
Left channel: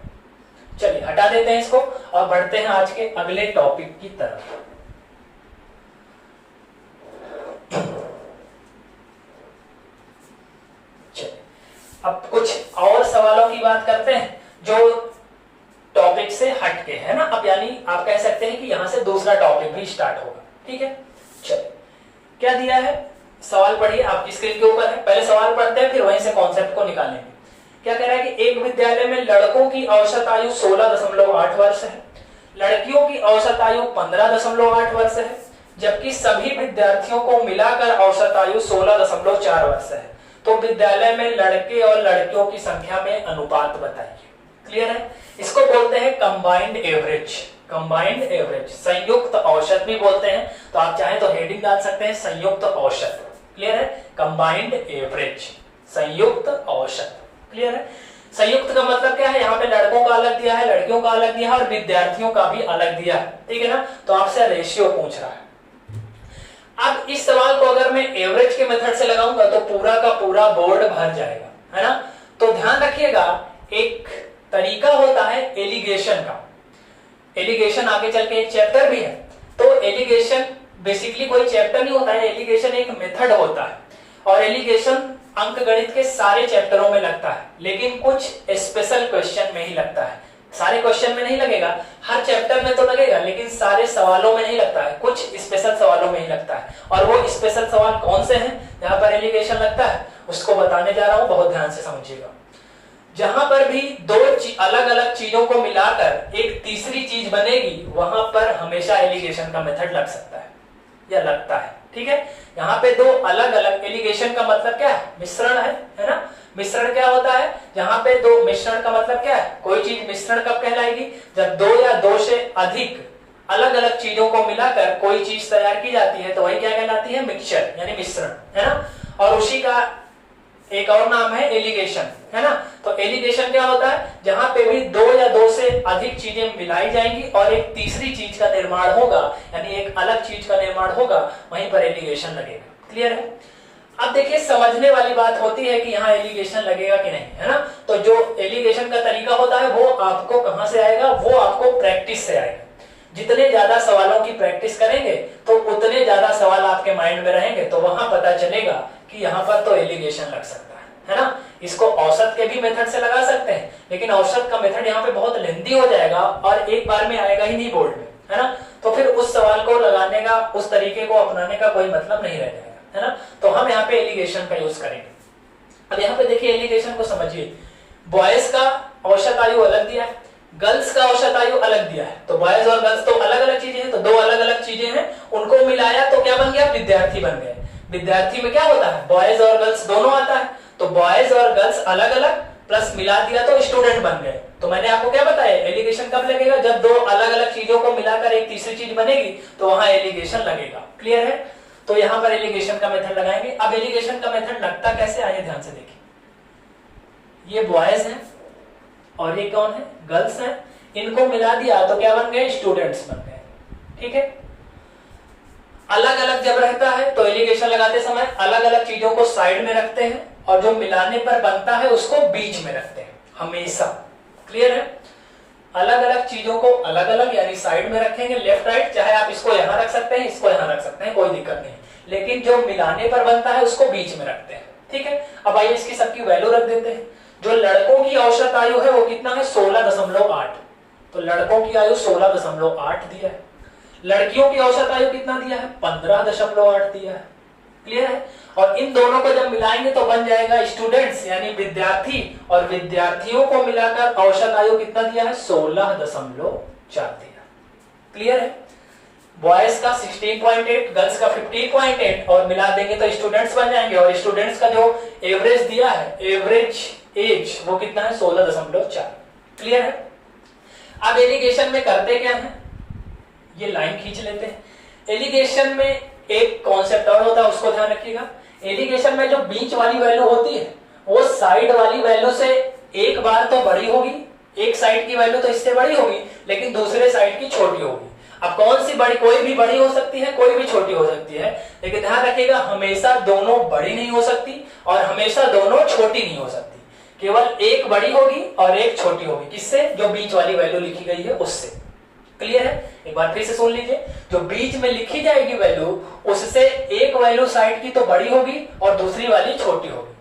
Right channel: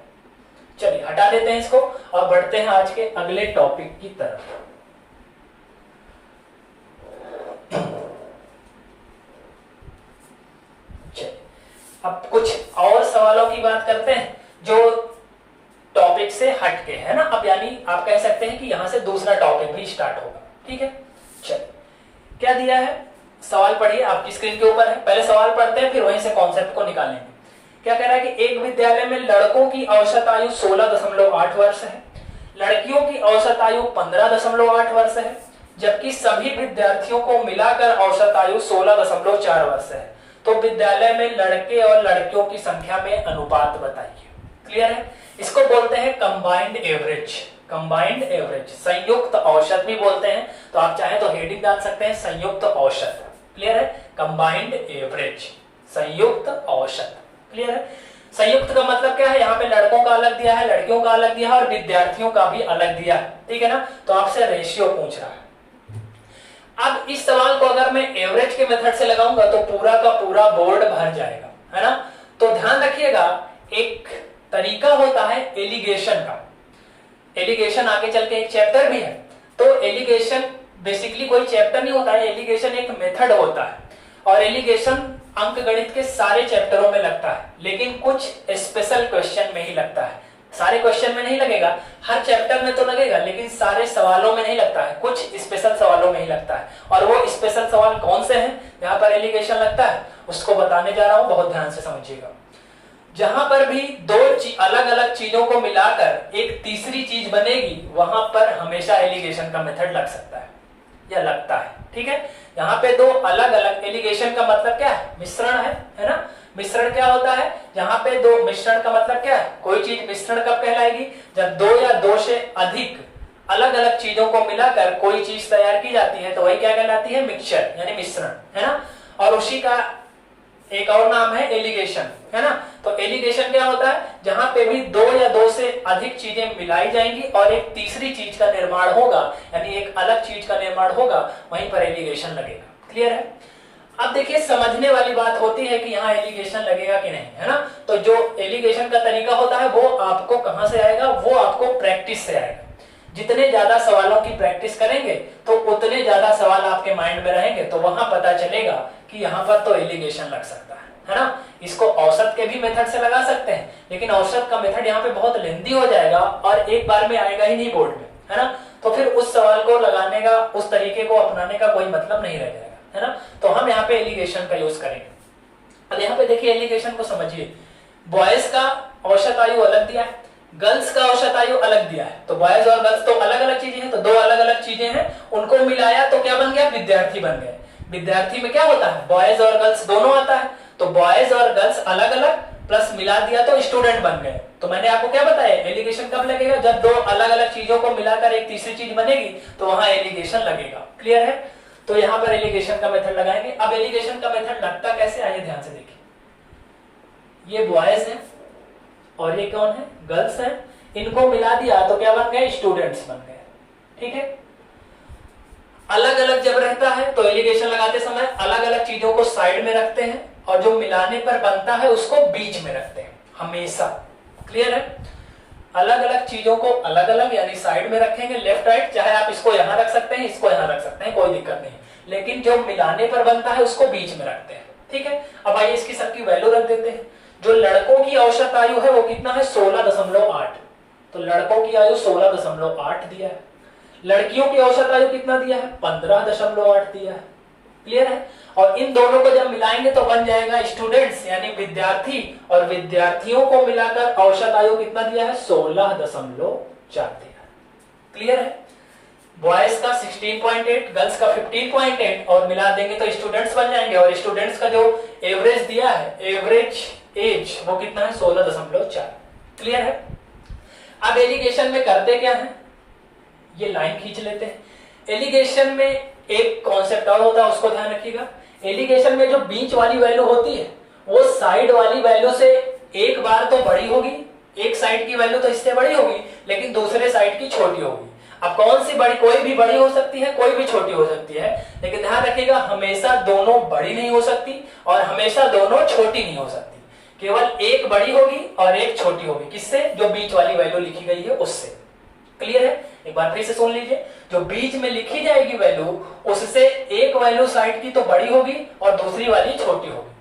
चलिए, हटा देते हैं इसको और बढ़ते हैं आज के अगले टॉपिक की तरफ। अब कुछ और सवालों की बात करते हैं जो टॉपिक से हटके है ना। अब यानी आप कह सकते हैं कि यहां से दूसरा टॉपिक भी स्टार्ट होगा। ठीक है, चलिए क्या दिया है, सवाल पढ़िए, आपकी स्क्रीन के ऊपर है। पहले सवाल पढ़ते हैं, फिर वहीं से कॉन्सेप्ट को निकालेंगे। क्या कह रहा है कि एक विद्यालय में लड़कों की औसत आयु 16.8 वर्ष है, लड़कियों की औसत आयु 15.8 वर्ष है, जबकि सभी विद्यार्थियों को मिलाकर औसत आयु 16.4 वर्ष है। तो विद्यालय में लड़के और लड़कियों की संख्या में अनुपात बताइए। क्लियर है, इसको बोलते हैं कंबाइंड एवरेज। कंबाइंड एवरेज, संयुक्त औसत भी बोलते हैं, तो आप चाहें तो हेडिंग डाल सकते हैं संयुक्त औसत। क्लियर है, कंबाइंड एवरेज, संयुक्त औसत। क्लियर है, संयुक्त का मतलब क्या है, यहाँ पे लड़कों का अलग दिया है, लड़कियों का अलग दिया है और विद्यार्थियों का भी अलग दिया है। ठीक है ना, तो आपसे रेशियो पूछ रहा है। अब इस सवाल को अगर मैं एवरेज के मेथड से लगाऊंगा तो पूरा का पूरा बोर्ड भर जाएगा, है ना। तो ध्यान रखिएगा, एक तरीका होता है एलिगेशन का। एलिगेशन आगे चल के एक चैप्टर भी है। तो एलिगेशन बेसिकली कोई चैप्टर नहीं होता है, एलिगेशन एक मेथड होता है। और एलिगेशन अंकगणित के सारे चैप्टरों में लगता है, लेकिन कुछ स्पेशल क्वेश्चन में ही लगता है। सारे क्वेश्चन में नहीं लगेगा, हर चैप्टर में तो लगेगा, लेकिन सारे सवालों में नहीं लगता है, कुछ स्पेशल सवालों में ही लगता है। और वो स्पेशल सवाल कौन से हैं जहां पर एलिगेशन लगता है, उसको बताने जा रहा हूं, बहुत ध्यान से समझिएगा। जहां पर भी दो अलग अलग चीजों को मिलाकर एक तीसरी चीज बनेगी, वहां पर हमेशा एलिगेशन का मेथड लग सकता है या लगता है। ठीक है, यहाँ पे दो अलग अलग, एलिगेशन का मतलब क्या है, मिश्रण है ना। मिश्रण क्या होता है, जहां पे दो, मिश्रण का मतलब क्या है, कोई चीज मिश्रण कब कहलाएगी, जब दो या दो से अधिक अलग अलग चीजों को मिलाकर कोई चीज तैयार की जाती है, तो वही क्या कहलाती है, मिक्सचर यानी मिश्रण, है ना। और उसी का एक और नाम है एलिगेशन, है ना। तो एलिगेशन क्या होता है, जहां पे भी दो या दो से अधिक चीजें मिलाई जाएंगी और एक तीसरी चीज का निर्माण होगा, यानी एक अलग चीज का निर्माण होगा, वहीं पर एलिगेशन लगेगा। क्लियर है। अब देखिए, समझने वाली बात होती है कि यहाँ एलिगेशन लगेगा कि नहीं, है ना। तो जो एलिगेशन का तरीका होता है वो आपको कहां से आएगा, वो आपको प्रैक्टिस से आएगा। जितने ज्यादा सवालों की प्रैक्टिस करेंगे तो उतने ज्यादा सवाल आपके माइंड में रहेंगे, तो वहां पता चलेगा कि यहाँ पर तो एलिगेशन लग सकता है ना। इसको औसत के भी मेथड से लगा सकते हैं, लेकिन औसत का मेथड यहाँ पे बहुत लेंदी हो जाएगा और एक बार में आएगा ही नहीं बोर्ड में, है ना। तो फिर उस सवाल को लगाने का, उस तरीके को अपनाने का कोई मतलब नहीं रह जाएगा, है ना। तो हम यहाँ पे एलिगेशन का यूज करेंगे। अब यहाँ पे देखिए, एलिगेशन को समझिए। बॉयज का औसत आयु अलग दिया है, गर्ल्स का औसत आयु अलग दिया है। तो बॉयज और गर्ल्स तो अलग अलग चीजें हैं, तो दो अलग अलग चीजें हैं, उनको मिलाया तो क्या बन गया, विद्यार्थी बन गए। विद्यार्थी में क्या होता है, बॉयज और गर्ल्स दोनों आता है, तो बॉयज और गर्ल्स अलग अलग प्लस मिला दिया तो स्टूडेंट बन गए। तो मैंने आपको क्या बताया, एलिगेशन कब लगेगा, जब दो अलग अलग चीजों को मिलाकर एक तीसरी चीज बनेगी, तो वहां एलिगेशन लगेगा। क्लियर है। तो यहां पर एलिगेशन का मेथड लगाएंगे। अब एलिगेशन का मेथड लगता कैसे, आइए ध्यान से देखिए। ये बॉयज है और ये कौन है, गर्ल्स है, इनको मिला दिया तो क्या बन गए, स्टूडेंट्स बन गए। ठीक है। अलग अलग जब रहता है तो एलिगेशन लगाते समय अलग अलग चीजों को साइड में रखते हैं और जो मिलाने पर बनता है उसको बीच में रखते हैं हमेशा। क्लियर है। अलग अलग चीजों को अलग अलग यानी साइड में रखेंगे, लेफ्ट राइट, चाहे आप इसको यहां रख सकते हैं, इसको यहां रख सकते हैं, कोई दिक्कत नहीं, लेकिन जो मिलाने पर बनता है उसको बीच में रखते हैं। ठीक है। अब आइए इसकी सबकी वैल्यू रख देते हैं। जो लड़कों की औसत आयु है वो कितना है, 16.8। तो लड़कों की आयु 16.8 दिया है। लड़कियों की औसत आयु कितना दिया है, 15.8 दिया है। क्लियर है। और इन दोनों को जब मिलाएंगे तो बन जाएगा स्टूडेंट्स यानी विद्यार्थी, और विद्यार्थियों को मिलाकर औसत आयु कितना दिया है, 16.4 दिया। क्लियर है। बॉयज का 16.8, गर्ल्स का 15.8 और मिला देंगे तो स्टूडेंट्स बन जाएंगे। और स्टूडेंट्स का जो एवरेज दिया है, एवरेज एज, वो कितना है, 16.4। क्लियर है। अब एलिगेशन में करते क्या है, ये लाइन खींच लेते हैं। एलिगेशन में एक कॉन्सेप्ट और होता है, उसको ध्यान रखिएगा। एलिगेशन में जो बीच वाली वैल्यू होती है वो साइड वाली वैल्यू से एक बार तो बड़ी होगी, एक साइड की वैल्यू तो इससे बड़ी होगी, लेकिन दूसरे साइड की छोटी होगी। अब कौन सी बड़ी, कोई भी बड़ी हो सकती है, कोई भी छोटी हो सकती है, लेकिन ध्यान रखिएगा हमेशा दोनों बड़ी नहीं हो सकती और हमेशा दोनों छोटी नहीं हो सकती। केवल एक बड़ी होगी और एक छोटी होगी। किससे, जो बीच वाली वैल्यू लिखी गई है उससे। क्लियर है। एक बार फिर से सुन लीजिए, जो बीच में लिखी जाएगी वैल्यू, उससे एक वैल्यू साइड की तो बड़ी होगी और दूसरी वाली छोटी होगी।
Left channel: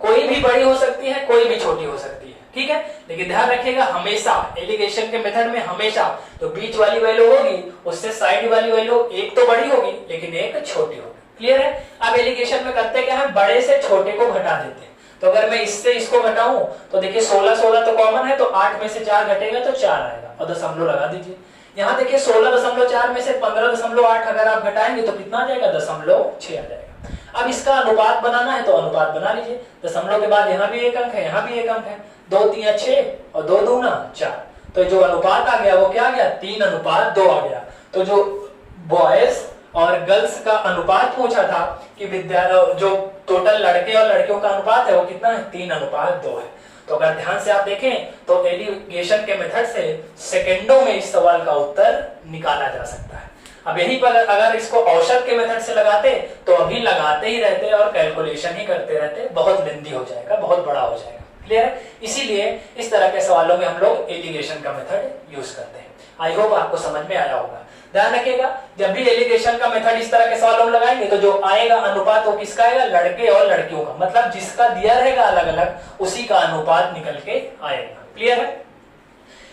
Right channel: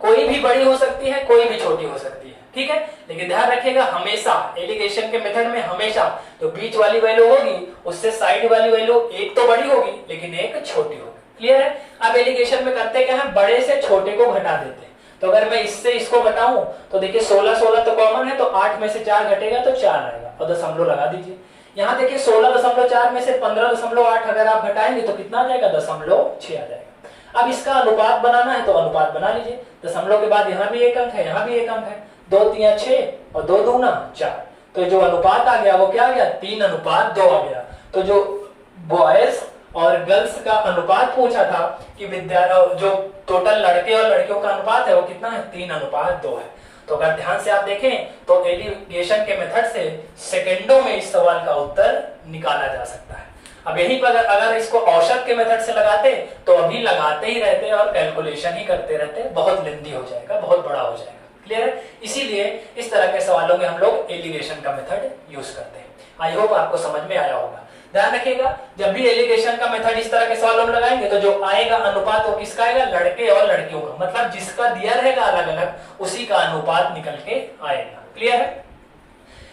कोई भी बड़ी हो सकती है, कोई भी छोटी हो सकती है। ठीक है। लेकिन ध्यान रखिएगा हमेशा एलिगेशन के मेथड में हमेशा तो बीच वाली वैल्यू होगी उससे साइड वाली वैल्यू एक तो बड़ी होगी लेकिन एक छोटी होगी। क्लियर है। अब एलिगेशन में करते क्या है, बड़े से छोटे को घटा देते हैं। तो अगर मैं इससे इसको घटाऊं तो देखिए 16 16 तो कॉमन है, तो 8 में से 4 घटेगा तो 4 आएगा और दशमलव लगा दीजिए। यहाँ देखिए 16.4 में से 15.8 अगर आप घटाएंगे तो कितना आ जाएगा, 0.6 आ जाएगा। अब इसका अनुपात बनाना है तो अनुपात बना लीजिए। दशमलव के बाद यहाँ भी एक अंक है, यहाँ भी एक अंक है, 2 3 6 और 2 दूना 4। तो जो अनुपात आ गया वो क्या आ गया, 3:2 आ गया। तो जो बॉयज और गर्ल्स का अनुपात पूछा था कि जो टोटल लड़के और लड़कियों का अनुपात है वो कितना है, 3:2 है। तो अगर ध्यान से आप देखें तो एलिगेशन के मेथड से सेकंडों में इस सवाल का उत्तर निकाला जा सकता है। अब यहीं पर अगर इसको औसत के मेथड से लगाते तो अभी लगाते ही रहते और कैलकुलेशन ही करते रहते, बहुत लेंदी हो जाएगा, बहुत बड़ा हो जाएगा। क्लियर है। इसीलिए इस तरह के सवालों में हम लोग एलिगेशन का मेथड यूज करते हैं। आई होप आपको समझ में आया होगा। ध्यान रखिएगा जब भी एलिगेशन का मेथड इस तरह के सवालों में लगाएंगे तो जो आएगा अनुपात वो किसका आएगा, लड़के और लड़कियों का, मतलब जिसका दिया रहेगा अलग अलग उसी का अनुपात निकल के आएगा। क्लियर है।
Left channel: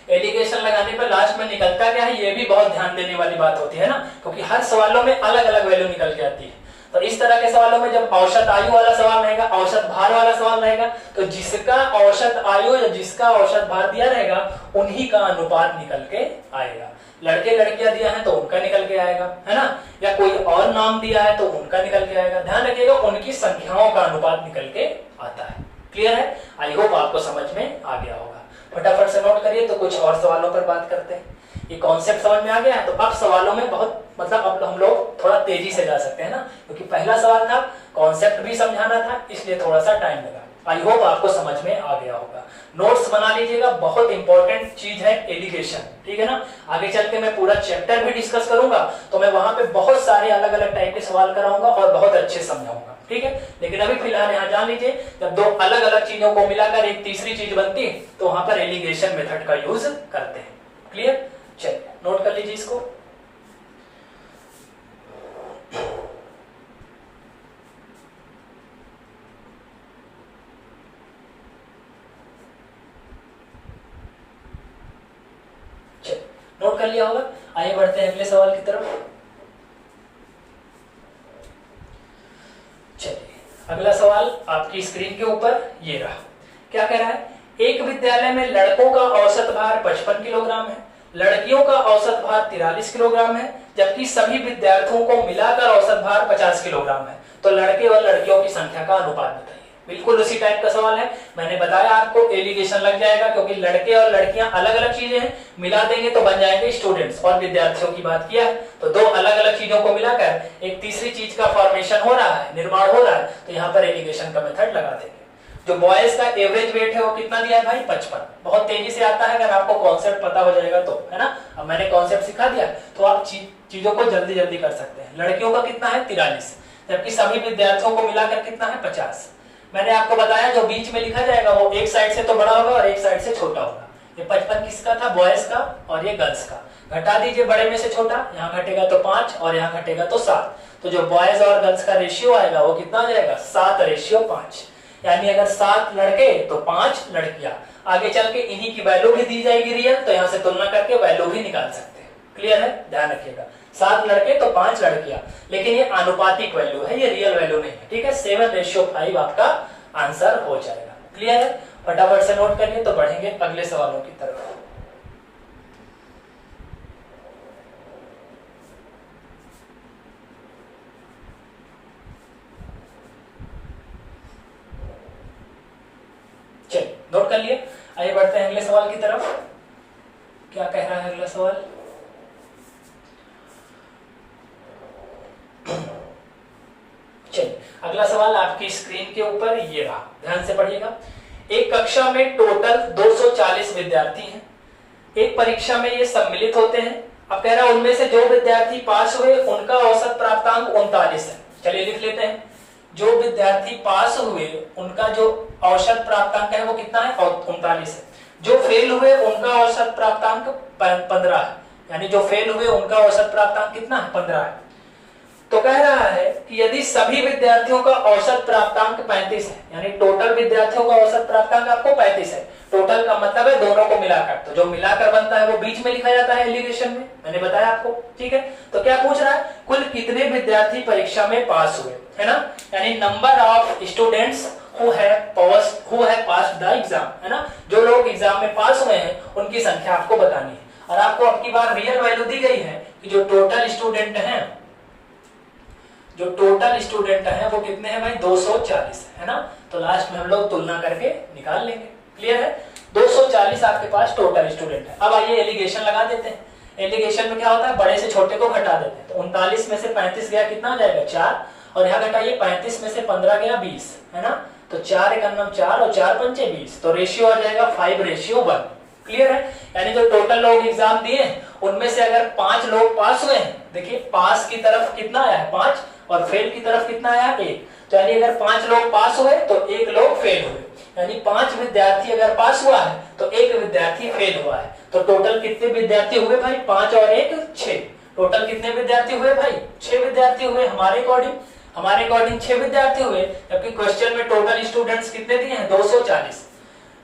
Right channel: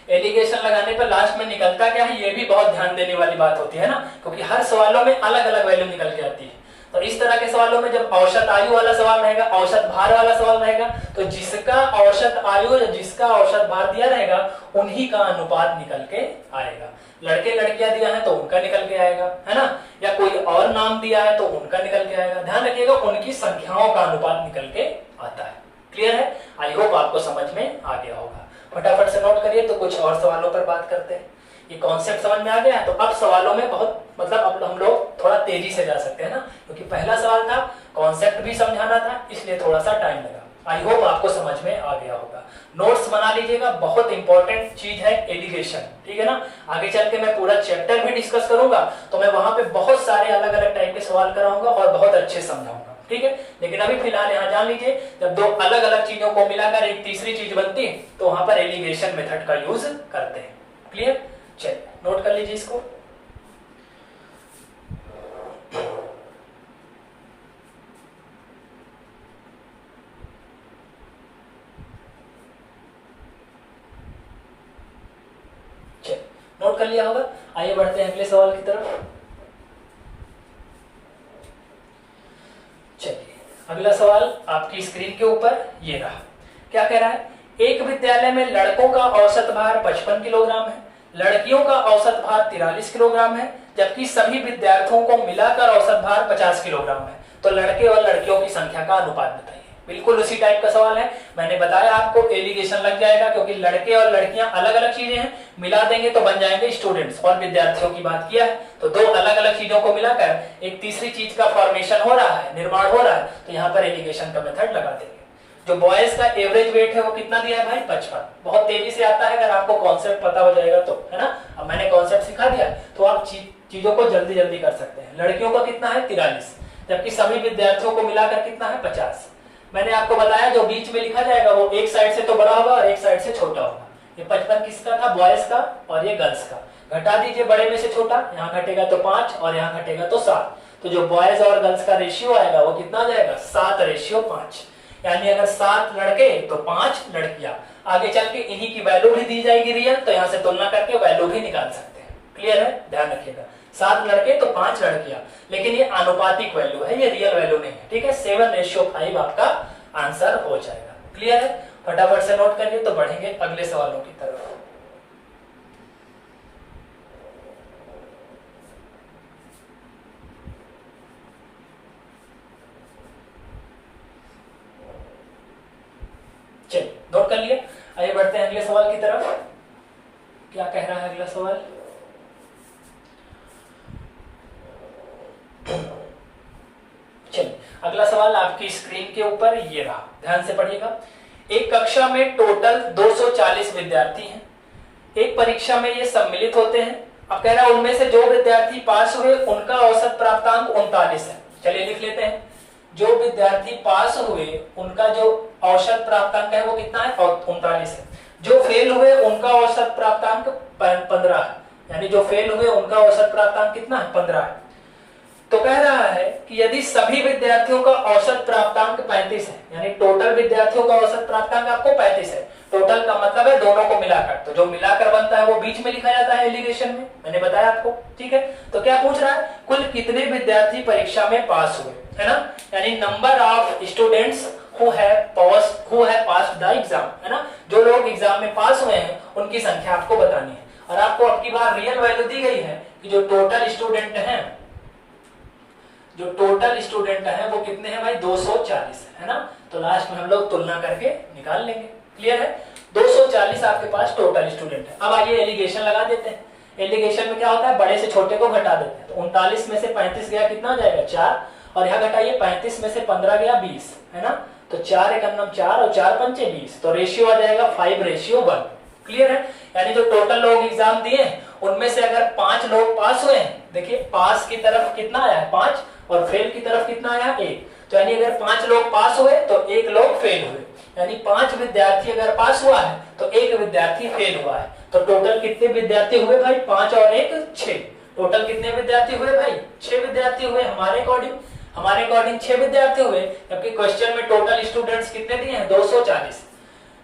एलिगेशन लगाने पर लास्ट में निकलता क्या है, ये भी बहुत ध्यान देने वाली बात होती है ना, क्योंकि हर सवालों में अलग अलग वैल्यू निकल के आती है। तो इस तरह के सवालों में जब औसत आयु वाला सवाल रहेगा, औसत भार वाला सवाल रहेगा, तो जिसका औसत आयु या जिसका औसत भार दिया रहेगा उन्हीं का अनुपात निकल के आएगा। लड़के लड़कियां दिया है तो उनका निकल के आएगा, है ना, या कोई और नाम दिया है तो उनका निकल के आएगा। ध्यान रखिएगा उनकी संख्याओं का अनुपात निकल के आता है। क्लियर है। आई होप आपको समझ में आ गया होगा। फटाफट से नोट करिए तो कुछ और सवालों पर बात करते हैं। ये कॉन्सेप्ट समझ में आ गया है तो अब सवालों में बहुत मतलब अब हम लोग थोड़ा तेजी से जा सकते हैं ना, क्योंकि पहला सवाल था कॉन्सेप्ट भी समझाना था इसलिए थोड़ा सा टाइम लगा। आई होप आपको समझ में आ गया होगा। नोट्स बना लीजिएगा, बहुत इंपॉर्टेंट चीज है एलिगेशन, ठीक है ना। आगे चल के मैं पूरा चैप्टर भी डिस्कस करूंगा तो मैं वहां पे बहुत सारे अलग अलग टाइप के सवाल कराऊंगा और बहुत अच्छे समझाऊंगा, ठीक है। लेकिन अभी फिलहाल यहाँ जान लीजिए जब दो अलग अलग चीजों को मिलाकर एक तीसरी चीज बनती है तो वहां पर एलिगेशन मेथड का यूज करते हैं। क्लियर। चलिए नोट कर लीजिए इसको। नोट कर लिया होगा। आइए बढ़ते हैं अगले सवाल की तरफ। चलिए अगला सवाल आपकी स्क्रीन के ऊपर ये रहा। क्या कह रहा है, एक विद्यालय में लड़कों का औसत भार 55 किलोग्राम है, लड़कियों का औसत भार 43 किलोग्राम है, जबकि सभी विद्यार्थियों को मिलाकर औसत भार 50 किलोग्राम है। तो लड़के और लड़कियों की संख्या का अनुपात बताइए। बिल्कुल उसी टाइप का सवाल है। मैंने बताया आपको एलिगेशन लग जाएगा क्योंकि लड़के और लड़कियां अलग अलग चीजें हैं, मिला देंगे तो बन जाएंगे स्टूडेंट्स। और विद्यार्थियों की बात किया है तो दो अलग अलग चीजों को मिलाकर एक तीसरी चीज का फॉर्मेशन हो रहा है, निर्माण हो रहा है, तो यहाँ पर एलिगेशन का मेथड लगा देंगे। जो बॉयज का एवरेज वेट है वो कितना दिया है भाई, 55। बहुत तेजी से आता है अगर आपको कॉन्सेप्ट पता हो जाएगा तो, है ना। अब मैंने कॉन्सेप्ट सिखा दिया तो आप चीजों को जल्दी जल्दी कर सकते हैं। लड़कियों का कितना है 43, जबकि सभी विद्यार्थियों को मिलाकर कितना है 50। मैंने आपको बताया जो बीच में लिखा जाएगा वो एक साइड से तो बड़ा होगा और एक साइड से छोटा होगा। ये 55 किसका था, बॉयज का, और ये गर्ल्स का। घटा दीजिए बड़े में से छोटा, यहाँ घटेगा तो 5 और यहाँ घटेगा तो 7। तो जो बॉयज और गर्ल्स का रेशियो आएगा वो कितना आ जाएगा, 7:5। यानी अगर 7 लड़के तो 5 लड़कियां। आगे चल के इन्हीं की वैल्यू भी दी जाएगी रियल, तो यहाँ से तुलना करके वैल्यू भी निकाल सकते हैं। क्लियर है। ध्यान रखिएगा 7 लड़के तो 5 लड़कियां, लेकिन ये आनुपातिक वैल्यू है, ये रियल वैल्यू नहीं है, ठीक है। 7:5 आपका आंसर हो जाएगा। क्लियर है। फटाफट से नोट करिए तो बढ़ेंगे अगले सवालों की तरफ। चलिए नोट कर लिए। आइए बढ़ते हैं अगले सवाल की तरफ। क्या कह रहा है अगला सवाल, चलिए अगला सवाल आपकी स्क्रीन के ऊपर ये रहा, ध्यान से पढ़िएगा। एक कक्षा में टोटल 240 विद्यार्थी हैं। एक परीक्षा में ये सम्मिलित होते हैं। अब कह रहा है उनमें से जो विद्यार्थी पास हुए उनका औसत प्राप्तांक 39 है। चलिए लिख लेते हैं, जो विद्यार्थी पास हुए उनका जो औसत प्राप्तांक है वो कितना है, 39 है। जो फेल हुए उनका औसत प्राप्तांक 15 है, यानी जो फेल हुए उनका औसत प्राप्तांक कितना है, 15 है। तो कह रहा है कि यदि सभी विद्यार्थियों का औसत प्राप्तांक 35 है, यानी टोटल विद्यार्थियों का औसत प्राप्तांक आपको 35 है, टोटल का मतलब है दोनों को मिलाकर, तो जो मिलाकर बनता है वो बीच में लिखा जाता है एलिगेशन में, मैंने बताया आपको, ठीक है। तो क्या पूछ रहा है, कुल कितने विद्यार्थी परीक्षा में पास हुए, है ना, यानी number of students who have passed the exam, है ना, जो लोग एग्जाम में पास हुए हैं उनकी संख्या आपको बतानी है। और आपको अब की बार रियल वैल्यू दी गई है कि जो टोटल स्टूडेंट हैं वो कितने हैं भाई, 240 है ना। तो लास्ट में हम लोग तुलना करके निकाल लेंगे, क्लियर है। 240 आपके पास टोटल स्टूडेंट है। अब आइए एलिगेशन लगा देते हैं। एलिगेशन में क्या होता है, बड़े से छोटे को घटा देते हैं। तो 39 में से 35 गया, कितना जाएगा 4, और यहाँ घटाइए 35 में से 15 गया 20, है ना। तो 4 एकम 4 और 4 पंचे 20, तो रेशियो आ जाएगा 5:1, क्लियर है। यानी जो टोटल लोग एग्जाम दिए उनमें से अगर 5 लोग पास हुए हैं, देखिए पास की तरफ कितना आया है 5, और फेल की तरफ कितना आया 1, तो यानी अगर 5 लोग पास हुए तो 1 लोग फेल हुए, यानी 5 विद्यार्थी अगर पास हुआ है तो 1 विद्यार्थी फेल हुआ है। तो टोटल कितने विद्यार्थी हुए भाई, 5 और 1 6, टोटल कितने विद्यार्थी हुए भाई, 6 विद्यार्थी हुए। हमारे अकॉर्डिंग 6 विद्यार्थी हुए, जबकि क्वेश्चन में टोटल स्टूडेंट्स कितने दिए हैं 240,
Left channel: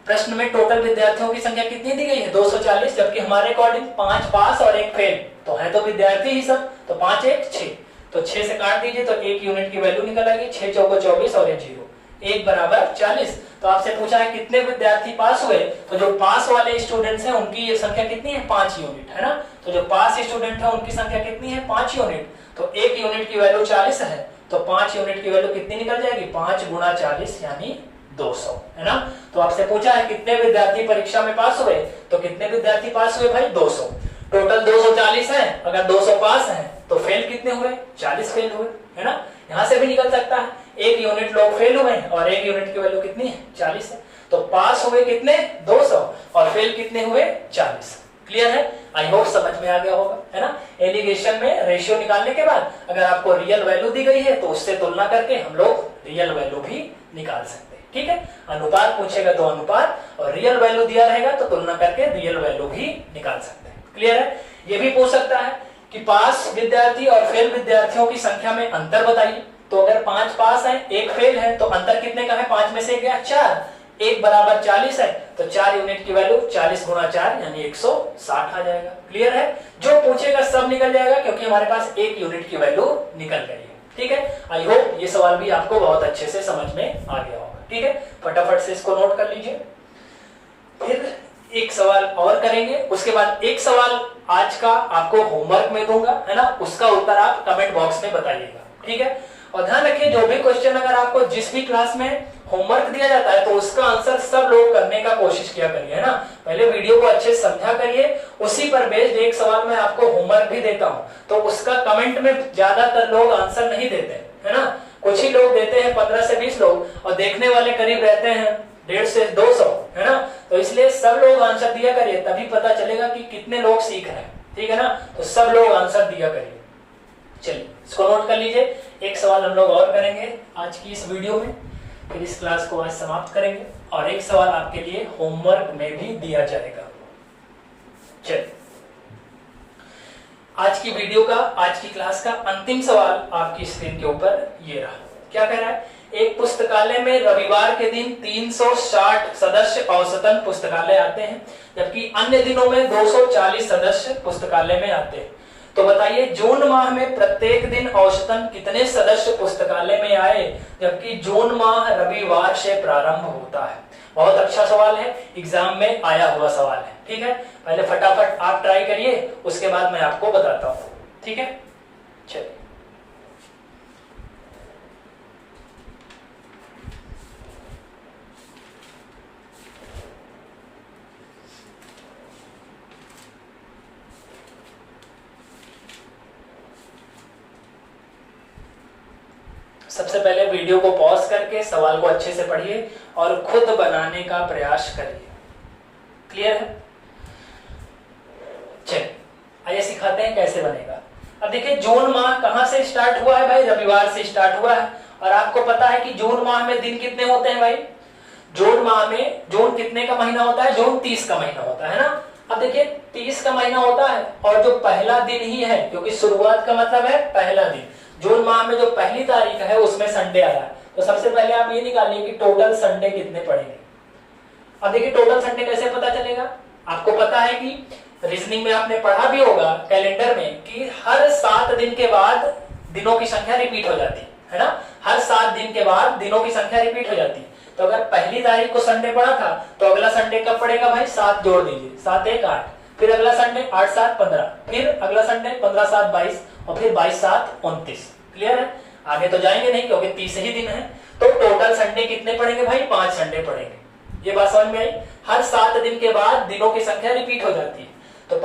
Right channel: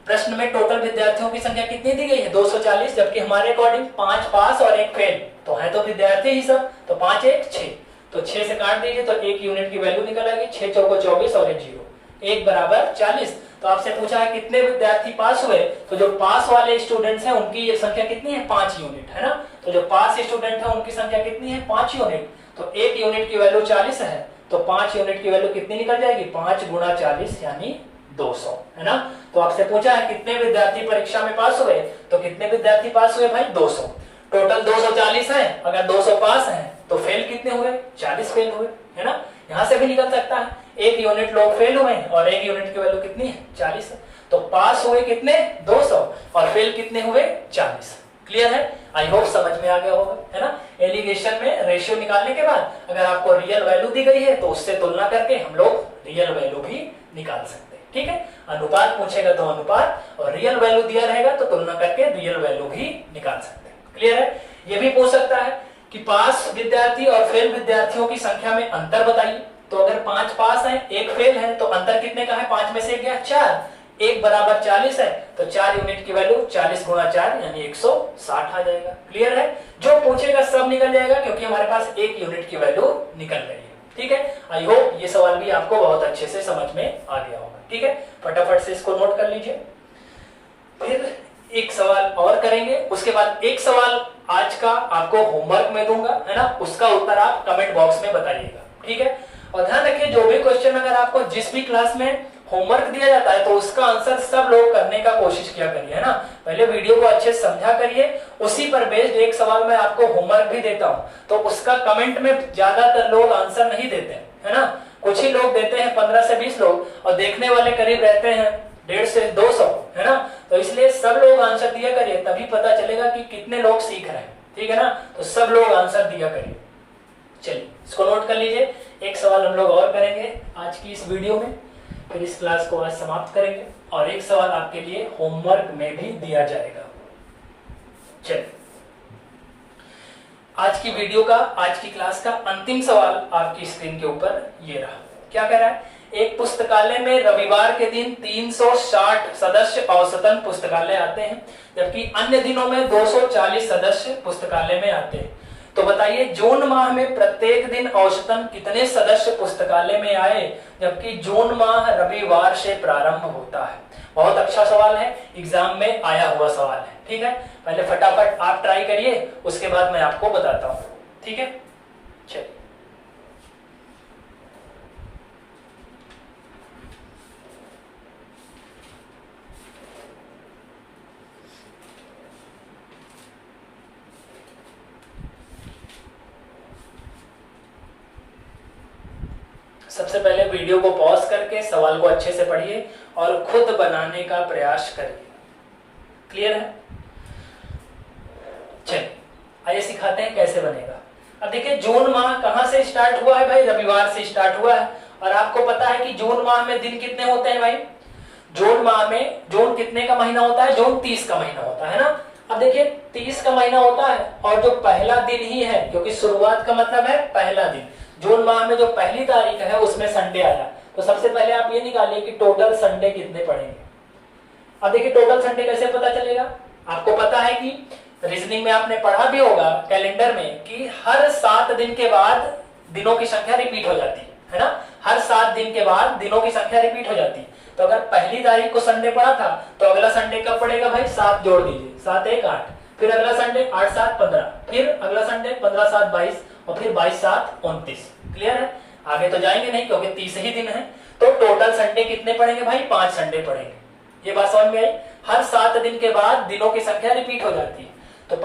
प्रश्न में टोटल विद्यार्थियों की संख्या कितनी दी गई है 240, जबकि हमारे अकॉर्डिंग 5 पास और 1 फेल, तो है तो विद्यार्थी ही सब, तो 5 1 6, तो 6 से काट दीजिए तो 1 यूनिट की वैल्यू निकल आएगी, 6 चौको 24 और 1 0, 1 बराबर 40। तो आपसे पूछा है कितने विद्यार्थी पास हुए, तो जो पास वाले स्टूडेंट्स हैं उनकी ये संख्या कितनी है 5 यूनिट, है ना। तो जो पास स्टूडेंट है उनकी संख्या कितनी है 5 यूनिट, तो 1 यूनिट की वैल्यू 40 है, तो 5 यूनिट की वैल्यू कितनी निकल जाएगी, 5 गुणा 40 यानी 200, है ना। तो आपसे पूछा है कितने विद्यार्थी परीक्षा में पास हुए, तो कितने विद्यार्थी पास हुए भाई 200, टोटल 240 है, अगर 200 पास हैं तो फेल कितने हुए 40 फेल हुए, है ना। यहां से भी निकल सकता है 1 यूनिट लोग फेल हुए हैं और 1 यूनिट की वैल्यू कितनी है 40 है, तो पास हुए कितने 200 और फेल कितने हुए 40, क्लियर है। आई होप समझ में आ गया होगा, है ना। एलिगेशन में रेशियो निकालने के बाद अगर आपको रियल वैल्यू दी गई है तो उससे तुलना करके हम लोग रियल वैल्यू भी निकाल सकते हैं, ठीक है। अनुपात पूछेगा तो अनुपात, और रियल वैल्यू दिया रहेगा तो तुलना करके रियल वैल्यू भी निकाल सकते हैं, क्लियर है। ये भी पूछ सकता है कि पास विद्यार्थी और फेल विद्यार्थियों की संख्या में अंतर बताइए, तो अगर 5 पास है 1 फेल है तो अंतर कितने का है, 5 में से गया 4, 1 बराबर 40 है, तो 4 यूनिट की वैल्यू 40 गुणा 4 यानी 160 आ जाएगा, क्लियर है। जो पूछेगा सब निकल जाएगा क्योंकि हमारे पास 1 यूनिट की वैल्यू निकल गई है, ठीक है। आई होप ये सवाल भी आपको बहुत अच्छे से समझ में आ गया होगा, ठीक है। फटाफट से इसको नोट कर लीजिए, फिर एक सवाल और करेंगे, उसके बाद एक सवाल आज का आपको होमवर्क में दूंगा, है ना, उसका उत्तर आप कमेंट बॉक्स में बताइएगा, ठीक है। और ध्यान रखिए जो भी क्वेश्चन अगर आपको जिस भी क्लास में होमवर्क दिया जाता है तो उसका आंसर सब लोग करने का कोशिश किया करिए, है ना। पहले वीडियो को अच्छे से समझा करिए, उसी पर बेस्ड एक सवाल मैं आपको होमवर्क भी देता हूं, तो उसका कमेंट में ज्यादातर लोग आंसर नहीं देते, है ना। कुछ ही लोग देते हैं, 15 से 20 लोग, और देखने वाले करीब रहते हैं 150 से 200, है ना। तो इसलिए सब लोग आंसर दिया करिए, तभी पता चलेगा कि कितने लोग सीख रहे हैं, ठीक है ना। तो सब लोग आंसर दिया करिए। चलिए इसको नोट कर लीजिए, एक सवाल हम लोग और करेंगे आज की इस वीडियो में, फिर इस क्लास को आज समाप्त करेंगे, और एक सवाल आपके लिए होमवर्क में भी दिया जाएगा। चलिए आज की वीडियो का, आज की क्लास का अंतिम सवाल आपकी स्क्रीन के ऊपर ये रहा। क्या कह रहा है, एक पुस्तकालय में रविवार के दिन 360 सदस्य औसतन पुस्तकालय आते हैं, जबकि अन्य दिनों में 240 सदस्य पुस्तकालय में आते हैं। तो बताइए जून माह में प्रत्येक दिन औसतन कितने सदस्य पुस्तकालय में आए, जबकि जून माह रविवार से प्रारंभ होता है। बहुत अच्छा सवाल है, एग्जाम में आया हुआ सवाल है, ठीक है। पहले फटाफट आप ट्राई करिए, उसके बाद मैं आपको बताता हूं, ठीक है। चलिए सबसे पहले वीडियो को पॉज करके सवाल को अच्छे से पढ़िए और खुद बनाने का प्रयास करिए, क्लियर है। चलिए आइए सिखाते हैं कैसे बनेगा। अब देखिए जून माह कहां से स्टार्ट हुआ है भाई, रविवार से स्टार्ट हुआ है, और आपको पता है कि जून माह में दिन कितने होते हैं भाई, जून माह में, जून कितने का महीना होता है, जून 30 का महीना होता है ना। अब देखिए 30 का महीना होता है, और जो पहला दिन ही है, क्योंकि शुरुआत का मतलब है पहला दिन, जून माह में जो पहली तारीख है उसमें संडे आया, तो सबसे पहले आप ये निकालिए कि टोटल संडे कितने पड़ेंगे। अब देखिए टोटल संडे कैसे पता चलेगा। आपको पता है कि रीजनिंग में आपने पढ़ा भी होगा कैलेंडर में कि हर 7 दिन के बाद दिनों की संख्या रिपीट हो जाती है ना। हर 7 दिन के बाद दिनों की संख्या रिपीट हो जाती है। तो अगर पहली तारीख को संडे पड़ा था तो अगला संडे कब पड़ेगा भाई, 7 जोड़ दीजिए, 7 1 8, फिर अगला संडे 8 7 15, फिर अगला संडे 15 7 22 और फिर 22 7 29। क्लियर है, आगे तो जाएंगे नहीं क्योंकि 30 ही दिन है। तो टोटल संडे कितने पड़ेंगे भाई, 5 संडे पड़ेंगे। ये बात समझ में आई। हर 7 दिन के बाद दिनों की संख्या रिपीट हो जाती है। तो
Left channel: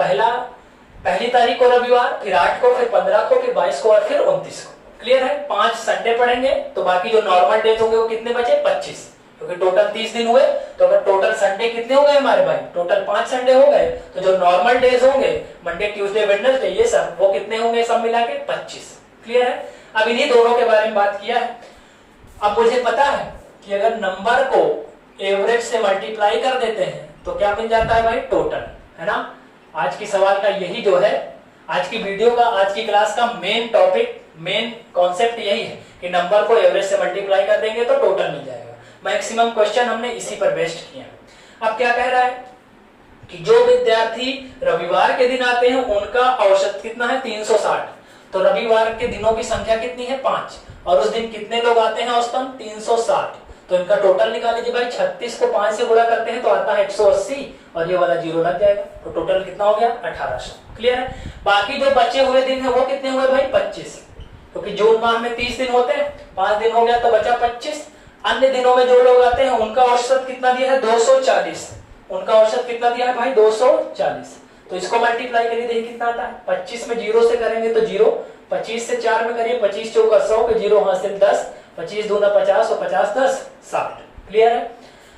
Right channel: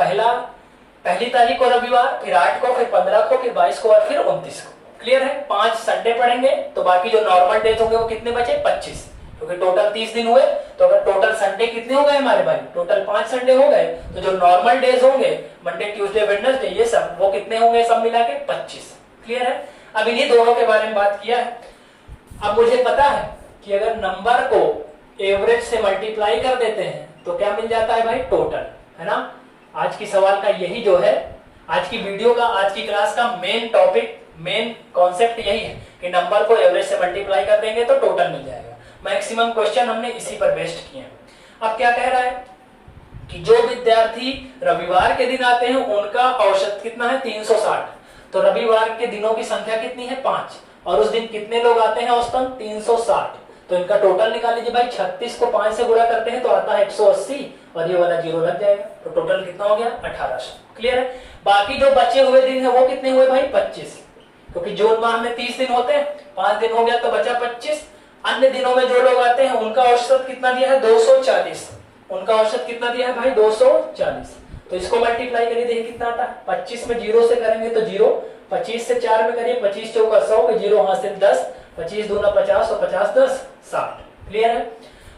पहली तारीख को रविवार, फिर 8 को, फिर 15 को, फिर 22 को और फिर 29 को। क्लियर है, 5 संडे पड़ेंगे। तो बाकी जो नॉर्मल डेज होंगे वो कितने बचे, 25, क्योंकि टोटल 30 दिन हुए। तो अगर टोटल संडे कितने हो गए हमारे भाई, टोटल 5 संडे हो गए। तो जो नॉर्मल डेज होंगे मंडे ट्यूसडे वेडनेसडे ये सब, वो कितने होंगे सब मिला के 25। क्लियर है, अब इन्हीं दोनों के बारे में बात किया है। अब मुझे पता है कि अगर नंबर को एवरेज से मल्टीप्लाई कर देते हैं तो क्या मिल जाता है भाई, टोटल, है ना। आज की सवाल का यही जो है, आज की वीडियो का, आज की क्लास का मेन टॉपिक, मेन कॉन्सेप्ट यही है कि नंबर को एवरेज से मल्टीप्लाई कर देंगे तो टोटल मिल जाएगा। मैक्सिमम क्वेश्चन हमने इसी पर बेस्ड किए हैं। अब क्या कह रहा है कि जो विद्यार्थी रविवार के दिन आते हैं उनका औसत कितना है, 360। तो रविवार के दिनों की संख्या कितनी है, 5, और उस दिन कितने लोग आते हैं औसतन, 360। तो इनका टोटल निकाल लीजिए भाई। 36 को 5 से गुणा करते हैं तो आता है 180 और ये वाला जीरो लग जाएगा। तो टोटल कितना हो गया, 1800। क्लियर है, बाकी जो बचे हुए दिन है वो कितने हुए भाई, 25, क्योंकि जून माह में 30 दिन होते हैं, 5 दिन हो गया तो बचा 25। अन्य दिनों में जो लोग आते हैं उनका औसत कितना दिया है, 240। उनका औसत कितना दिया है भाई, 240। तो इसको मल्टीप्लाई करिए, देखिए कितना आता है। 25 में 0 से करेंगे तो 0, 25 से 4 में करिए, 25 चौका 100 के 0 हासिल 10, 25 दूना 50 और 50 10 60। क्लियर है।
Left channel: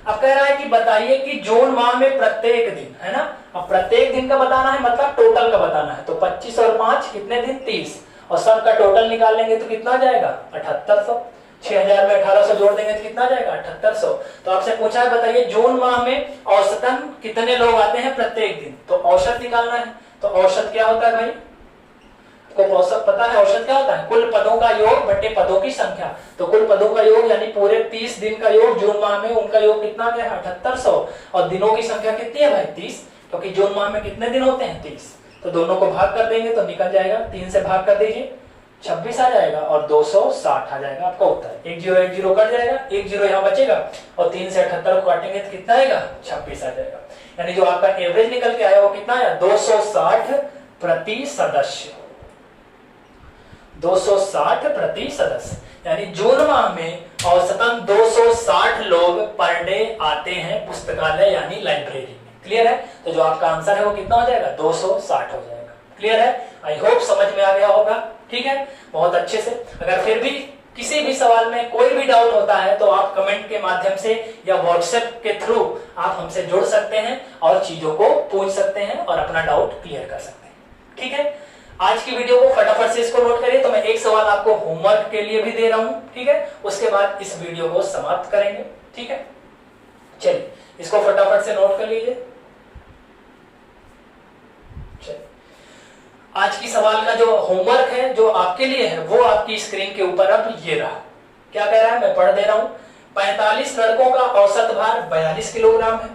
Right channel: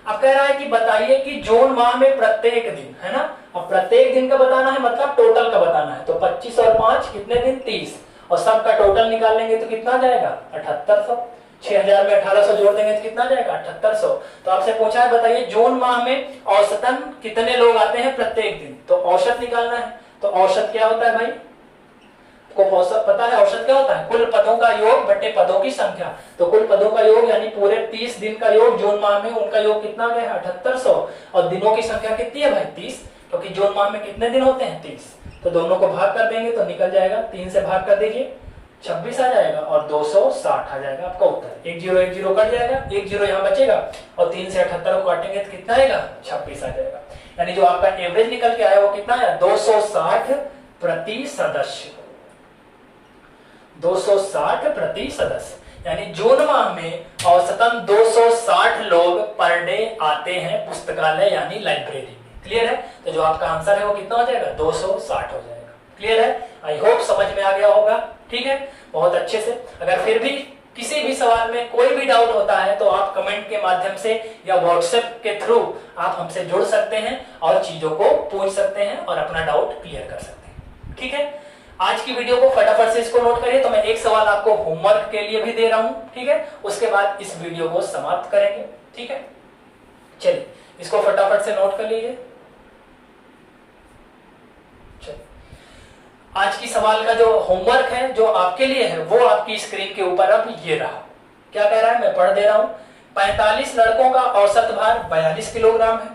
अब कह रहा है कि बताइए कि जून माह में प्रत्येक दिन, है ना। अब प्रत्येक दिन का बताना है मतलब टोटल का बताना है। तो 25 और 5 कितने दिन, 30, और सबका टोटल निकाल लेंगे तो कितना जाएगा, 7800। 6000 में 1800 जोड़ देंगे तो कितना जाएगा, 7800। तो आपसे पूछा है बताइए जून माह में औसतन कितने लोग आते हैं प्रत्येक दिन, तो औसत निकालना है। तो औसत क्या होता है भाई, को औसत पता है, औसत क्या होता है, कुल पदों का योग बटे पदों की संख्या। तो कुल पदों का योग यानी पूरे 30 दिन का योग जून माह में, उनका योग कितना गया है, 7800। और दिनों की संख्या कितनी है भाई, 30, क्योंकि जून माह में कितने दिन होते हैं, 30। तो दोनों को भाग कर देंगे तो निकल जाएगा, 3 से भाग कर दीजिए, 26 आ जाएगा और 260 आ जाएगा आपका उत्तर। 1 0 1 0 कट जाएगा, 1 0 यहाँ बचेगा और 3 से 78 को काटेंगे तो कितना आएगा, 26 आ जाएगा। यानी जो आपका एवरेज निकल के आया वो कितना आया, 260 प्रति सदस्य। 260 प्रति सदस्य, यानी जून माह में औसतन 260 लोग पर डे आते हैं पुस्तकालय यानी लाइब्रेरी में। क्लियर है, तो जो आपका आंसर है वो कितना हो जाएगा, 260 हो जाएगा। क्लियर है, आई होप समझ में आ गया होगा। ठीक है, बहुत अच्छे से। अगर फिर भी किसी भी सवाल में कोई भी डाउट होता है तो आप कमेंट के माध्यम से या व्हाट्सएप के थ्रू आप हमसे जुड़ सकते हैं और चीजों को पूछ सकते हैं और अपना डाउट क्लियर कर सकते हैं। ठीक है, आज की वीडियो को फटाफट से इसको नोट करिए। तो मैं एक सवाल आपको होमवर्क के लिए भी दे रहा हूं, ठीक है, उसके बाद इस वीडियो को समाप्त करेंगे। ठीक है, चलिए इसको फटाफट से नोट कर लीजिए। चलिए, आज की सवाल का जो होमवर्क है जो आपके लिए है वो आपकी स्क्रीन के ऊपर अब ये रहा। क्या कह रहा है, मैं पढ़ दे रहा हूं। 45 लड़कों का औसत भार 42 किलोग्राम है,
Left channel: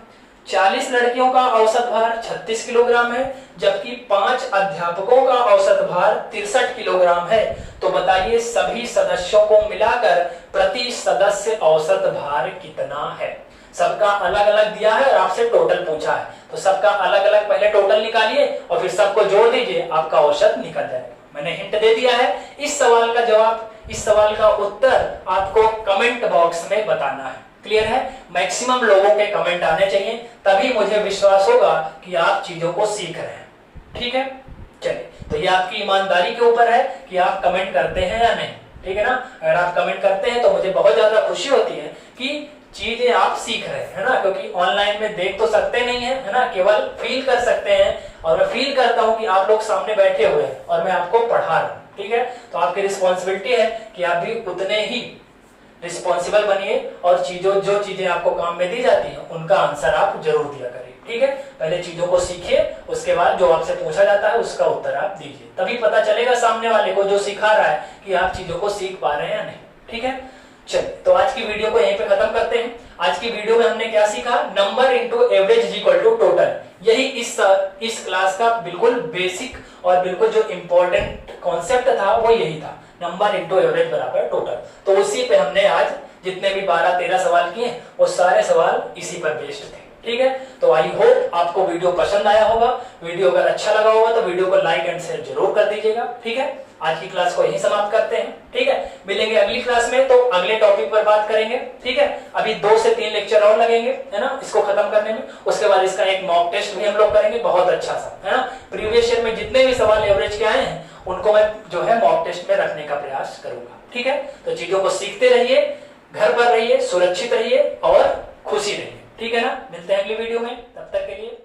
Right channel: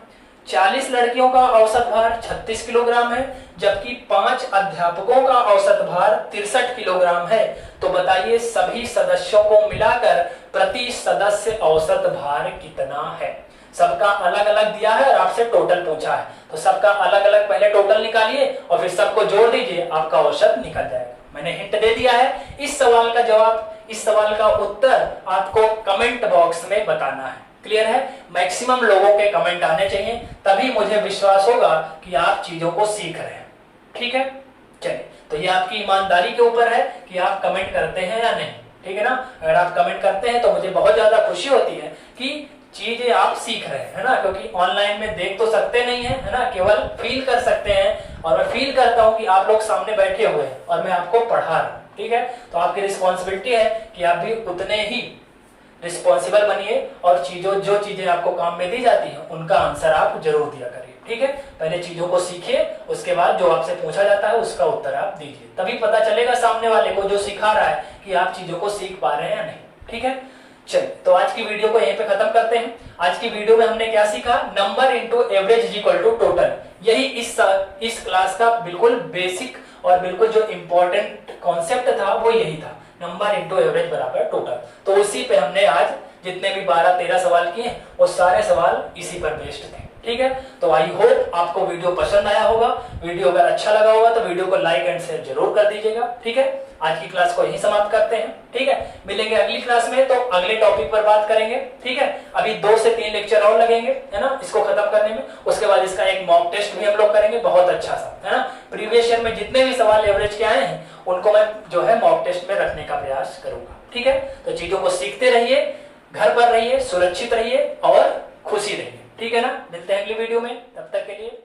40 लड़कियों का औसत भार 36 किलोग्राम है, जबकि 5 अध्यापकों का औसत भार 63 किलोग्राम है। तो बताइए सभी सदस्यों को मिलाकर प्रति सदस्य औसत भार कितना है। सबका अलग अलग दिया है और आपसे टोटल पूछा है, तो सबका अलग अलग पहले टोटल निकालिए और फिर सबको जोड़ दीजिए, आपका औसत निकल जाएगा। मैंने हिंट दे दिया है। इस सवाल का जवाब, इस सवाल का उत्तर आपको कमेंट बॉक्स में बताना है। क्लियर है, मैक्सिमम लोगों के कमेंट आने चाहिए, तभी मुझे विश्वास होगा कि आप चीजों को सीख रहे हैं। ठीक है, चलिए, तो ये आपकी ईमानदारी के ऊपर है कि आप कमेंट करते हैं या नहीं। ठीक है ना, अगर आप कमेंट करते हैं तो मुझे बहुत ज्यादा खुशी होती है कि चीजें आप सीख रहे हैं, है ना, क्योंकि ऑनलाइन में देख तो सकते नहीं है ना, केवल फील कर सकते हैं। और मैं फील करता हूं कि आप लोग सामने बैठे हुए हैं और मैं आपको पढ़ा रहा हूं। ठीक है, तो आपकी रिस्पॉन्सिबिलिटी है कि आप भी उतने ही रिस्पॉन्सिबल बनिए और जो चीजें आपको काम में दी जाती हैं उनका आंसर आप जरूर दिया करिए। ठीक है, पहले चीजों को सीखिए, उसके बाद जो आपसे पूछा जाता है उसका उत्तर आप दीजिए, तभी पता चलेगा सामने वाले को जो सिखा रहा है कि आप चीजों को सीख पा रहे हैं या नहीं। ठीक है, चलिए, तो आज की वीडियो को यहीं पे खत्म करते हैं। आज की वीडियो में हमने क्या सीखा? Number into average is equal to total. यही इस क्लास का बिल्कुल बेसिक और बिल्कुल जो इंपॉर्टेंट कॉन्सेप्ट था वो यही था, नंबर इंटू एवरेज बराबर टोटल। तो उसी पे हमने आज जितने भी 12-13 सवाल किए वो सारे सवाल इसी पर बेस्ड थे। ठीक है, तो आई होप आपको वीडियो पसंद आया होगा। वीडियो अगर अच्छा लगा होगा तो वीडियो को लाइक एंड शेयर जरूर कर दीजिएगा। ठीक है, आज की क्लास को यहीं समाप्त करते हैं। ठीक है, मिलेंगे अगली क्लास में, तो अगले टॉपिक पर बात करेंगे। ठीक है, अभी 2 से 3 लेक्चर और लगेंगे, है ना, इसको खत्म करने में। उसके बाद इसका एक मॉक टेस्ट भी हम लोग करेंगे, बहुत अच्छा सा, है ना। प्रीवियस ईयर में जितने भी सवाल एवरेज के आए हैं उनको मैं जो है मॉक टेस्ट में रखने का प्रयास करूंगा। ठीक है, तो चीजों को सीखते रहिए, घर पर रहिए, सुरक्षित रहिए और खुशी रहिए। ठीक है ना, मिलते हैं अगली वीडियो में, तब तक के लिए